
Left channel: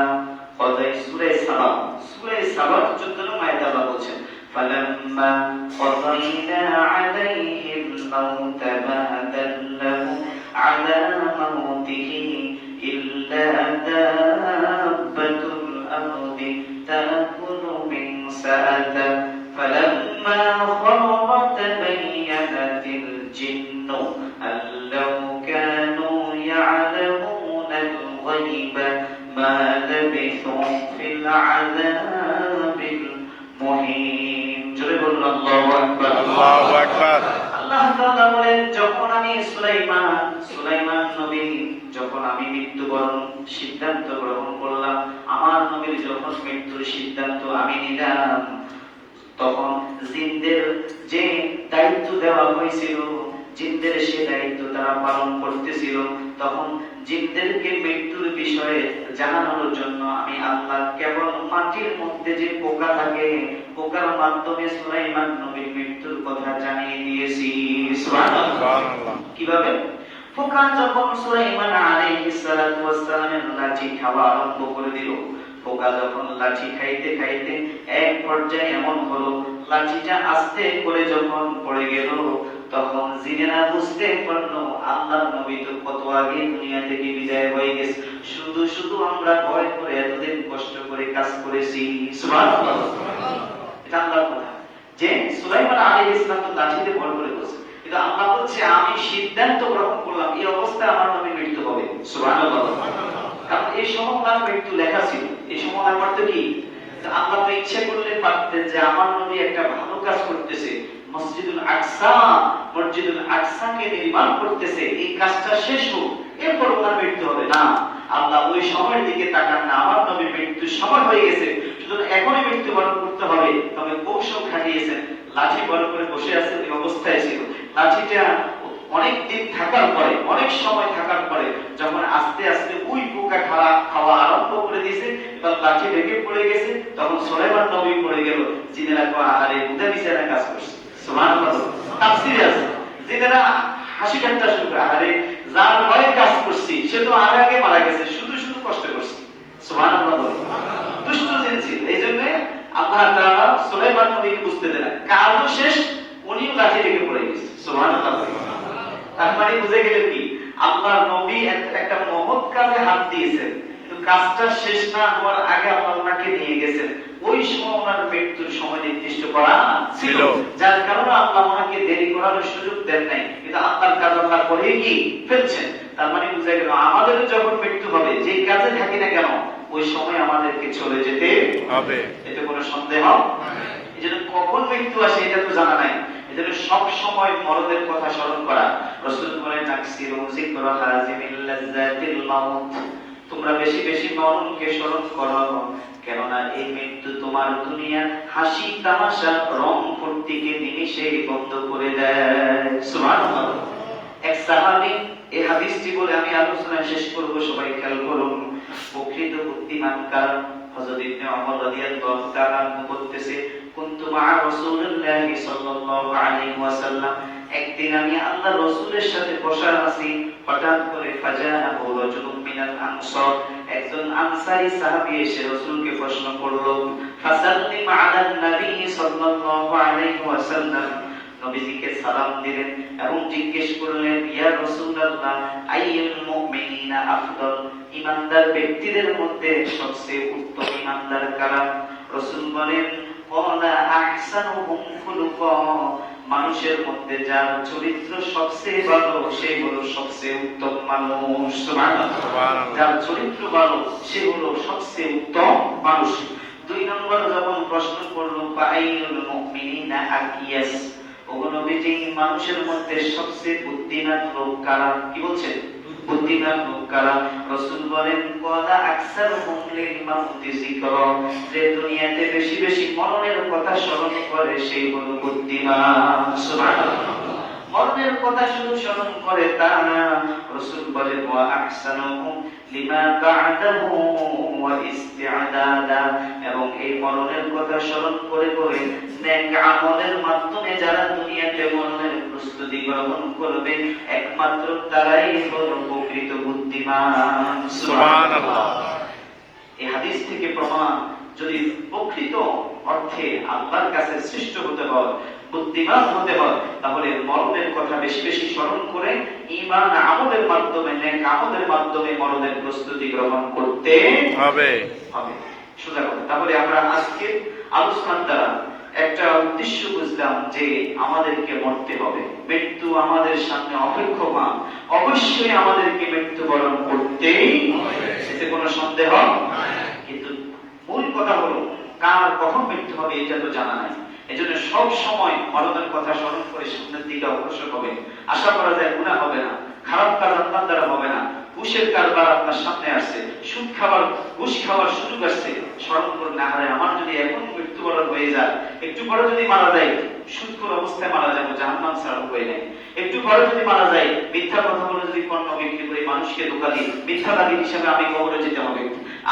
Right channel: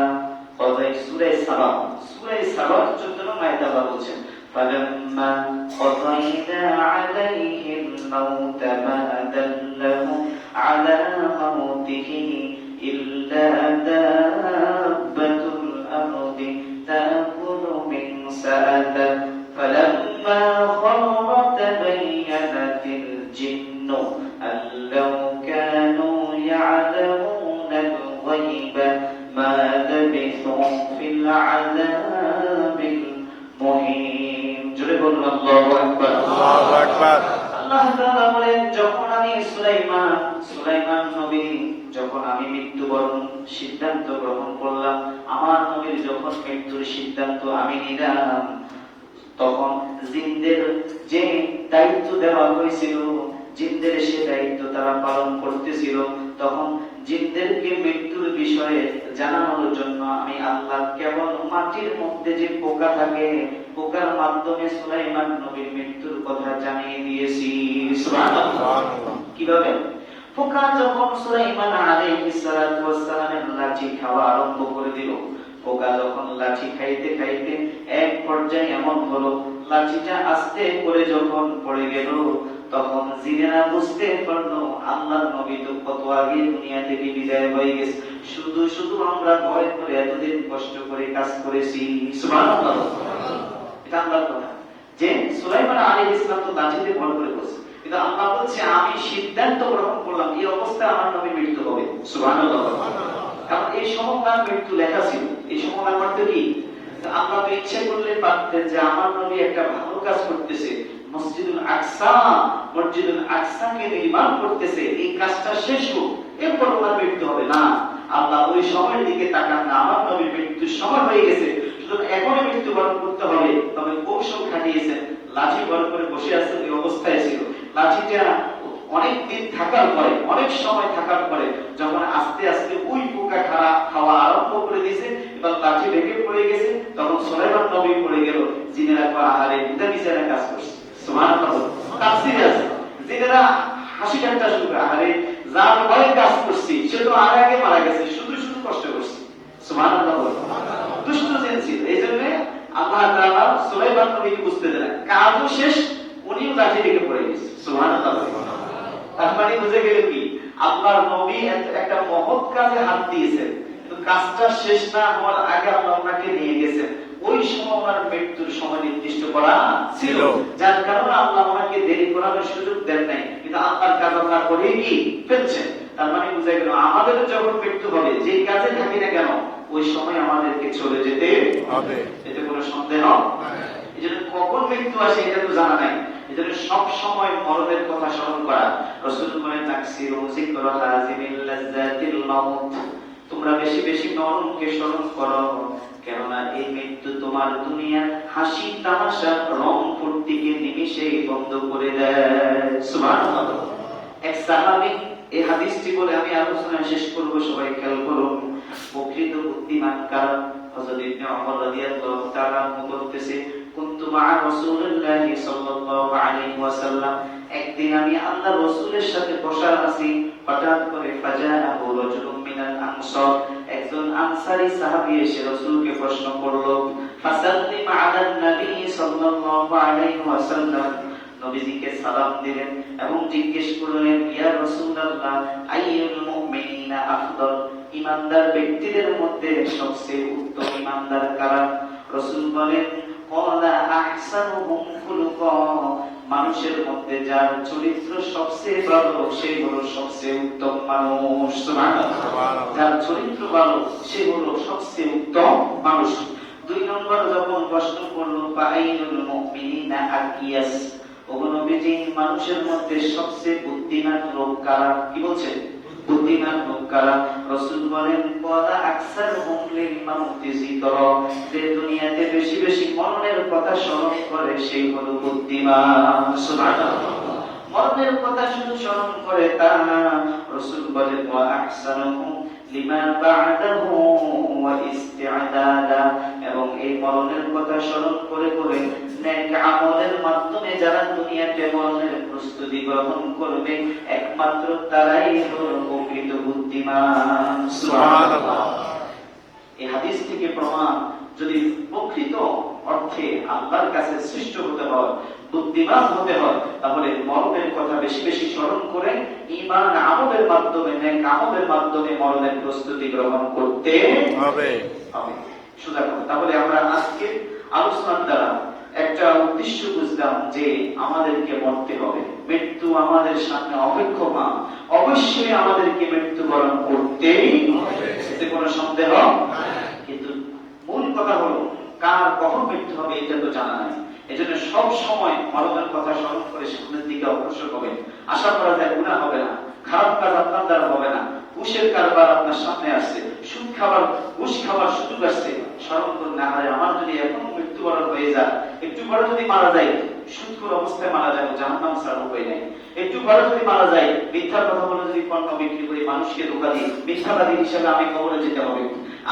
কদাই সূরা সাবা, সূরা সাবা 14 নম্বর আয়াতে আল্লাহ বলেন ফালাম্মা কদাইনা আলাইহিল মাউত মা দাল্লাহু আলা মাউতিহি ইল্লা দাব্বাতুল আরদি তাকুলু মিন সাআতা ফালাম্মা খারা তাবাyyanatil জিন্নু আল্লাহু কানু ইয়ালামুনাল গায়বা মা লাবিথু ফিল আযাবিল মুহিন। জোরে বলুন আল্লাহু আকবার। আল্লাহু আকবার। আল্লাহ তাআলা বলেন যখন আমি সুলাইমান নবী যখন আমি মৃত্যুবরণ সিদ্ধান্ত গ্রহণ করলাম, আমার নবীর যখন মৃত্যুর সিদ্ধান্ত আমি নিলাম, তখন জিনদের যে দায়িত্ব দেওয়া হয়েছিল, জিনদের সে দায়িত্ব তারা পালন করতেছিল। তখন জিনদেরকে মৃত্যুর বিষয়ে জানানোর জন্য আমি আল্লাহ কেবল মাটির মধ্যে যে পোকা থাকে, পোকার মাধ্যমে সুলাইমান নবীর মৃত্যুর কথা জানিয়ে দিয়েছি। সুবহানাল্লাহ। কিভাবে? পোকা যখন সুলাইমান আলাইহিস সালাতু ওয়াস সালামের লাঠি খাওয়া আরম্ভ করে দিল, পোকা যখন লাঠি খাইতে খাইতে এক পর্যায়ে এমন হলো লাঠিটা আস্তে করে যখন পড়ে গেল, তখন জিনেরা বুঝতে পারলো আল্লাহর নবী তো কত আগে দুনিয়া থেকে বিদায় হয়ে গেছে, শুধু শুধু আমরা ভয় করে এতদিন কষ্ট করে কাজ করেছি। সুবহানাল্লাহ। এটা আল্লাহর কথা যে সুলাইমান আলাইহিস সালাম তো লাঠিতে ভয় করে বসে, কিন্তু আল্লাহ বলছে আমি সিদ্ধান্ত গ্রহণ করলাম এই অবস্থায় আমার নবী মৃত্যু হবে। সুবহানাল্লাহ। কারণ এই সময় তার মৃত্যু লেখা ছিল, এই সময় আমার তো কি আল্লাহ তো ইচ্ছা করলে পারতেন যে আমার নবী একটা ভালো কাজ করতেছে, মসজিদুল আকসাকে নির্মাণ করতেছে, এই কাজটা শেষ হোক এরপর ওনার মৃত্যু হবে। না, আল্লাহ ওই সময়ের দিকে তাকান না, আমার নবীর মৃত্যুর সময় হয়ে গেছে, সুতরাং এখনই মৃত্যুবরণ করতে হবে। তবে কৌশল খাটিয়েছেন, লাঠি বড় করে বসে আছে ওই অবস্থায় ছিল। লাঠিটা অনেক দিন থাকার পরে, অনেক সময় থাকার পরে যখন আস্তে আস্তে ওই পোকা খাওয়া আরম্ভ করে দিয়েছে, এবার লাঠি ভেঙে পড়ে গেছে, তখন সুলাইমান নবী পড়ে গেল। জিনেরা কয় আরে উদা বিছানা কাজ করছে। সুবহানাল্লাহ। তাফসীরে আছে জিনেরা হাসি ঠাট্টা শুরু করে, আরে যার ভয়ে কাজ করছি সে তো আগে মারা গেছে, শুধু শুধু কষ্ট করছে। সুবহানাল্লাহ। দুষ্ট জিন ছিল, এই জন্য আল্লাহ তাআলা সুলাইমান নবীকে বুঝতে দিলেন কাজও শেষ, উনিও লাঠি রেখে পড়ে গেছে। সুবহানাল্লাহ। তার মানে বুঝে গেলেন কি আল্লাহর নবী একটা মহৎ কাজে হাত দিয়েছেন, কিন্তু কাজটা শেষ না হওয়ার আগে আল্লাহ ওনাকে নিয়ে গেছেন। ওই সময় ওনার মৃত্যুর সময় নির্দিষ্ট করা ছিল, যার কারণে আল্লাহ ওনাকে দেরি করার সুযোগ দেন নাই, কিন্তু আল্লাহর কাজ আল্লাহ করে কি ফেলছেন। তার মানে বুঝে গেল আমাদের যখন মৃত্যু হবে, যে কাজে থাকি না কেন ওই সময় আমাদেরকে চলে যেতে হবে, এতে কোনো সন্দেহ নেই। এই জন্য কখন মৃত্যু আসে এটা তো জানা নাই, এজন্য সব সময় মরণের কথা স্মরণ করা। রাসূল বলেন তাকসিরু যিকরা হাযিমিল লাযযাতিল মাউত, তোমরা বেশি বেশি মরণকে স্মরণ করো, কেননা এই মৃত্যু তোমার দুনিয়ার হাসি তামাশা রং ফুর্তিকে নিমিষে বন্ধ করে দেয়। সুবহানাল্লাহ। এক সাহাবী এই হাদিসটি বলে আমি আলোচনা শেষ করব, সবাই খেয়াল করুন। প্রকৃত বুদ্ধিমান কার হযরত ইবনে ওমর রাদিয়াল্লাহু তাআলা বলতেছে কুনতু মা রাসূলিল্লাহি সাল্লাল্লাহু আলাইহি ওয়াসাল্লাম, একদিন আমি আল্লাহর রাসূলের সাথে বসা আছি, হঠাৎ করে ফাজাআহু রাজুলুম মিনাল আনসার, একজন আনসারী সাহাবী এসে রাসূলকে প্রশ্ন করলো, ফাসাল্লিম আলান নবী সাল্লাল্লাহু আলাইহি ওয়াসাল্লাম, নবীজিকে সালাম দিলেন এবং জিজ্ঞেস করলেন ইয়া রাসূলুল্লাহ আইয়ুল মুমিনিনা আফদল, ঈমানদার ব্যক্তিদের মধ্যে সবচেয়ে উত্তম ঈমানদার কারা? রাসূল বলেন ক্বালা আহসানুহুম খুলুকা মানুষের মধ্যে যার চরিত্র সবচেয়ে ভালো সে হলো সবচেয়ে উত্তম মানুষ। সুবহানাল্লাহ। যার চরিত্র ভালো সে হলো সবচেয়ে উত্তম মানুষ। 2 নম্বর যখন প্রশ্ন করলো ফাআইনুল মুমিনিনা আকিয়াস, ওগো নবীজি মানুষের মধ্যে সবচেয়ে বুদ্ধিমান লোক কারা? কি বলছে? বুদ্ধিমান লোক কারা? রাসূল বলেন ওয়ালা আকসারুহুম লিল মাউতি যিকরা, যে দুনিয়াতে বেশি বেশি মরণের কথা স্মরণ করে সেই হলো বুদ্ধিমান। সুবহানাল্লাহ। মরণের কথা শুধু স্মরণ করে তা না, রাসূল বলেন ওয়া আহসানুহুম লিমা বা'দাহু ওয়া ইস্তি'দাদা, এবং এই মরণের কথা স্মরণ করে করে নেক আমলের মাধ্যমে যারা দুনিয়াতে মরণের প্রস্তুতি গ্রহণ করবে একমাত্র তারাই হলো প্রকৃত বুদ্ধিমান। সুবহানাল্লাহ। এই হাদিস থেকে প্রমাণ, যদি প্রকৃত অর্থে আল্লাহর কাছে শ্রেষ্ঠ হতে হয়, বুদ্ধিমান হতে হয়, তাহলে মরণের কথা বেশি বেশি স্মরণ করে ঈমান আমলের মাধ্যমে, নেক আমলের মাধ্যমে মরণের প্রস্তুতি গ্রহণ করতে হবে। সোজা কথা। তাহলে আমরা আজকে আলোচনার দ্বারা একটা উদ্দেশ্য বুঝলাম যে আমাদেরকে মরতে হবে, মৃত্যু আমাদের সামনে অপেক্ষমান, অবশ্যই আমাদেরকে মৃত্যুবরণ করতেই হবে, এতে কোনো সন্দেহ নাই। কিন্তু মূল কথা হলো কার কখন মৃত্যু হবে এটা তো জানা নাই। এজন্য সব সময় মরণের কথা স্মরণ করে সামনের দিকে অগ্রসর হবে। আশা করা যায় গুনাহ হবে না, খারাপ কাজ আপনার দ্বারা হবে না। ঘুষের কারবার আপনার সামনে আসছে, সুদ খাবার, ঘুষ খাবার সুযোগ আসছে, স্মরণ করুন না হারে আমার যদি এখন মৃত্যুবরণ হয়ে যায়, একটু পরে যদি মারা যায় সুদখোর অবস্থায় মারা যাবো, জাহান্নাম ছাড়া উপায় নেই। একটু পরে যদি মারা যায় মিথ্যা কথা বলে যদি পণ্য বিক্রি করে মানুষকে ধোঁকা দিই, মিথ্যাবাদী হিসাবে আমি কবরে যেতে হবে।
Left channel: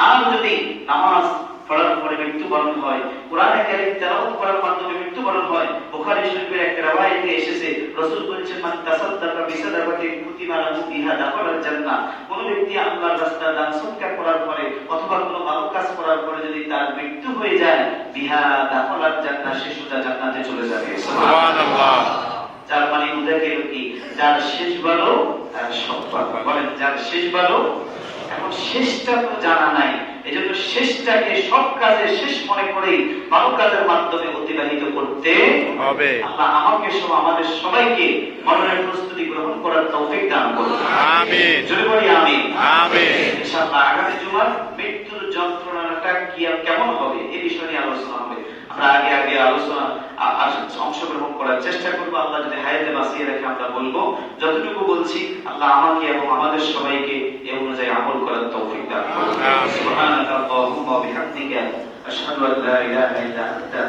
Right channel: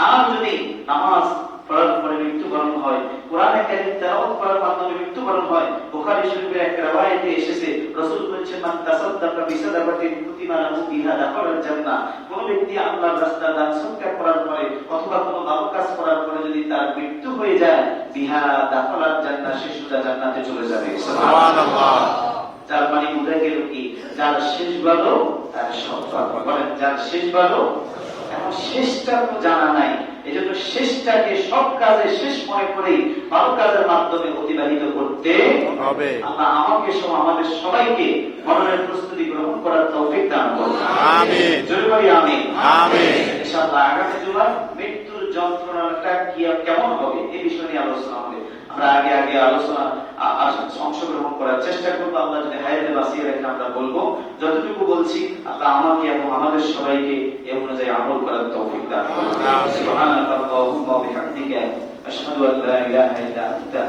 আর যদি নামাজ পড়ার পরে মৃত্যুবরণ হয়, কোরআনে কারীম তেলাওয়াত করার মাধ্যমে মৃত্যুবরণ হয়, বুখারী শরীফের একটা riwayate এসেছে রাসূল বলেছেন মান তাসাদদাকা বিসাদাকাতিন কুতিবা লাহু বিহা দাখালাল জান্নাহ, কোন ব্যক্তি আল্লাহর রাস্তায় দান সদকা করার পরে অথবা কোন ভালো কাজ করার পরে যদি তার মৃত্যু হয়ে যায় বিহা দাখালাল জান্নাহ, সে সোজা জান্নাতে চলে যাবে। সুবহানাল্লাহ। যার মানে বুঝা গেল কি যার শেষ ভালো তার সব ভালো। বলেন যার শেষ ভালো। এখন শেষটা তো জানা নাই, এজন্য শেষটাকে সব কাজে শেষ মনে করে ভালো কাজের মাধ্যমে অতিবাহিত করতে হবে। আল্লাহ আমাকে সহ আমাদের সবাইকে মরণের প্রস্তুতি গ্রহণ করার তৌফিক দান করুন। আমিন। জোরে বলি আমিন। আমিন। ইনশাআল্লাহ আগামী জুমার মৃত্যুর যন্ত্রণাটা কি কেমন হবে এই বিষয় নিয়ে আলোচনা হবে। আমরা আগে আলোচনা অংশগ্রহণ করার চেষ্টা করবো। আল্লাহ যদি হায়াতে বাঁচিয়ে রাখে আমরা বলবো, যতটুকু বলছি আল্লাহ আমাকে এবং আমাদের সবাইকে এই অনুযায়ী আমল করার তৌফিক দান করুন। সুবহানাল্লাহি ওয়া বিহামদিহি আশহাদু আল্লা ইলাহা ইল্লা আনতা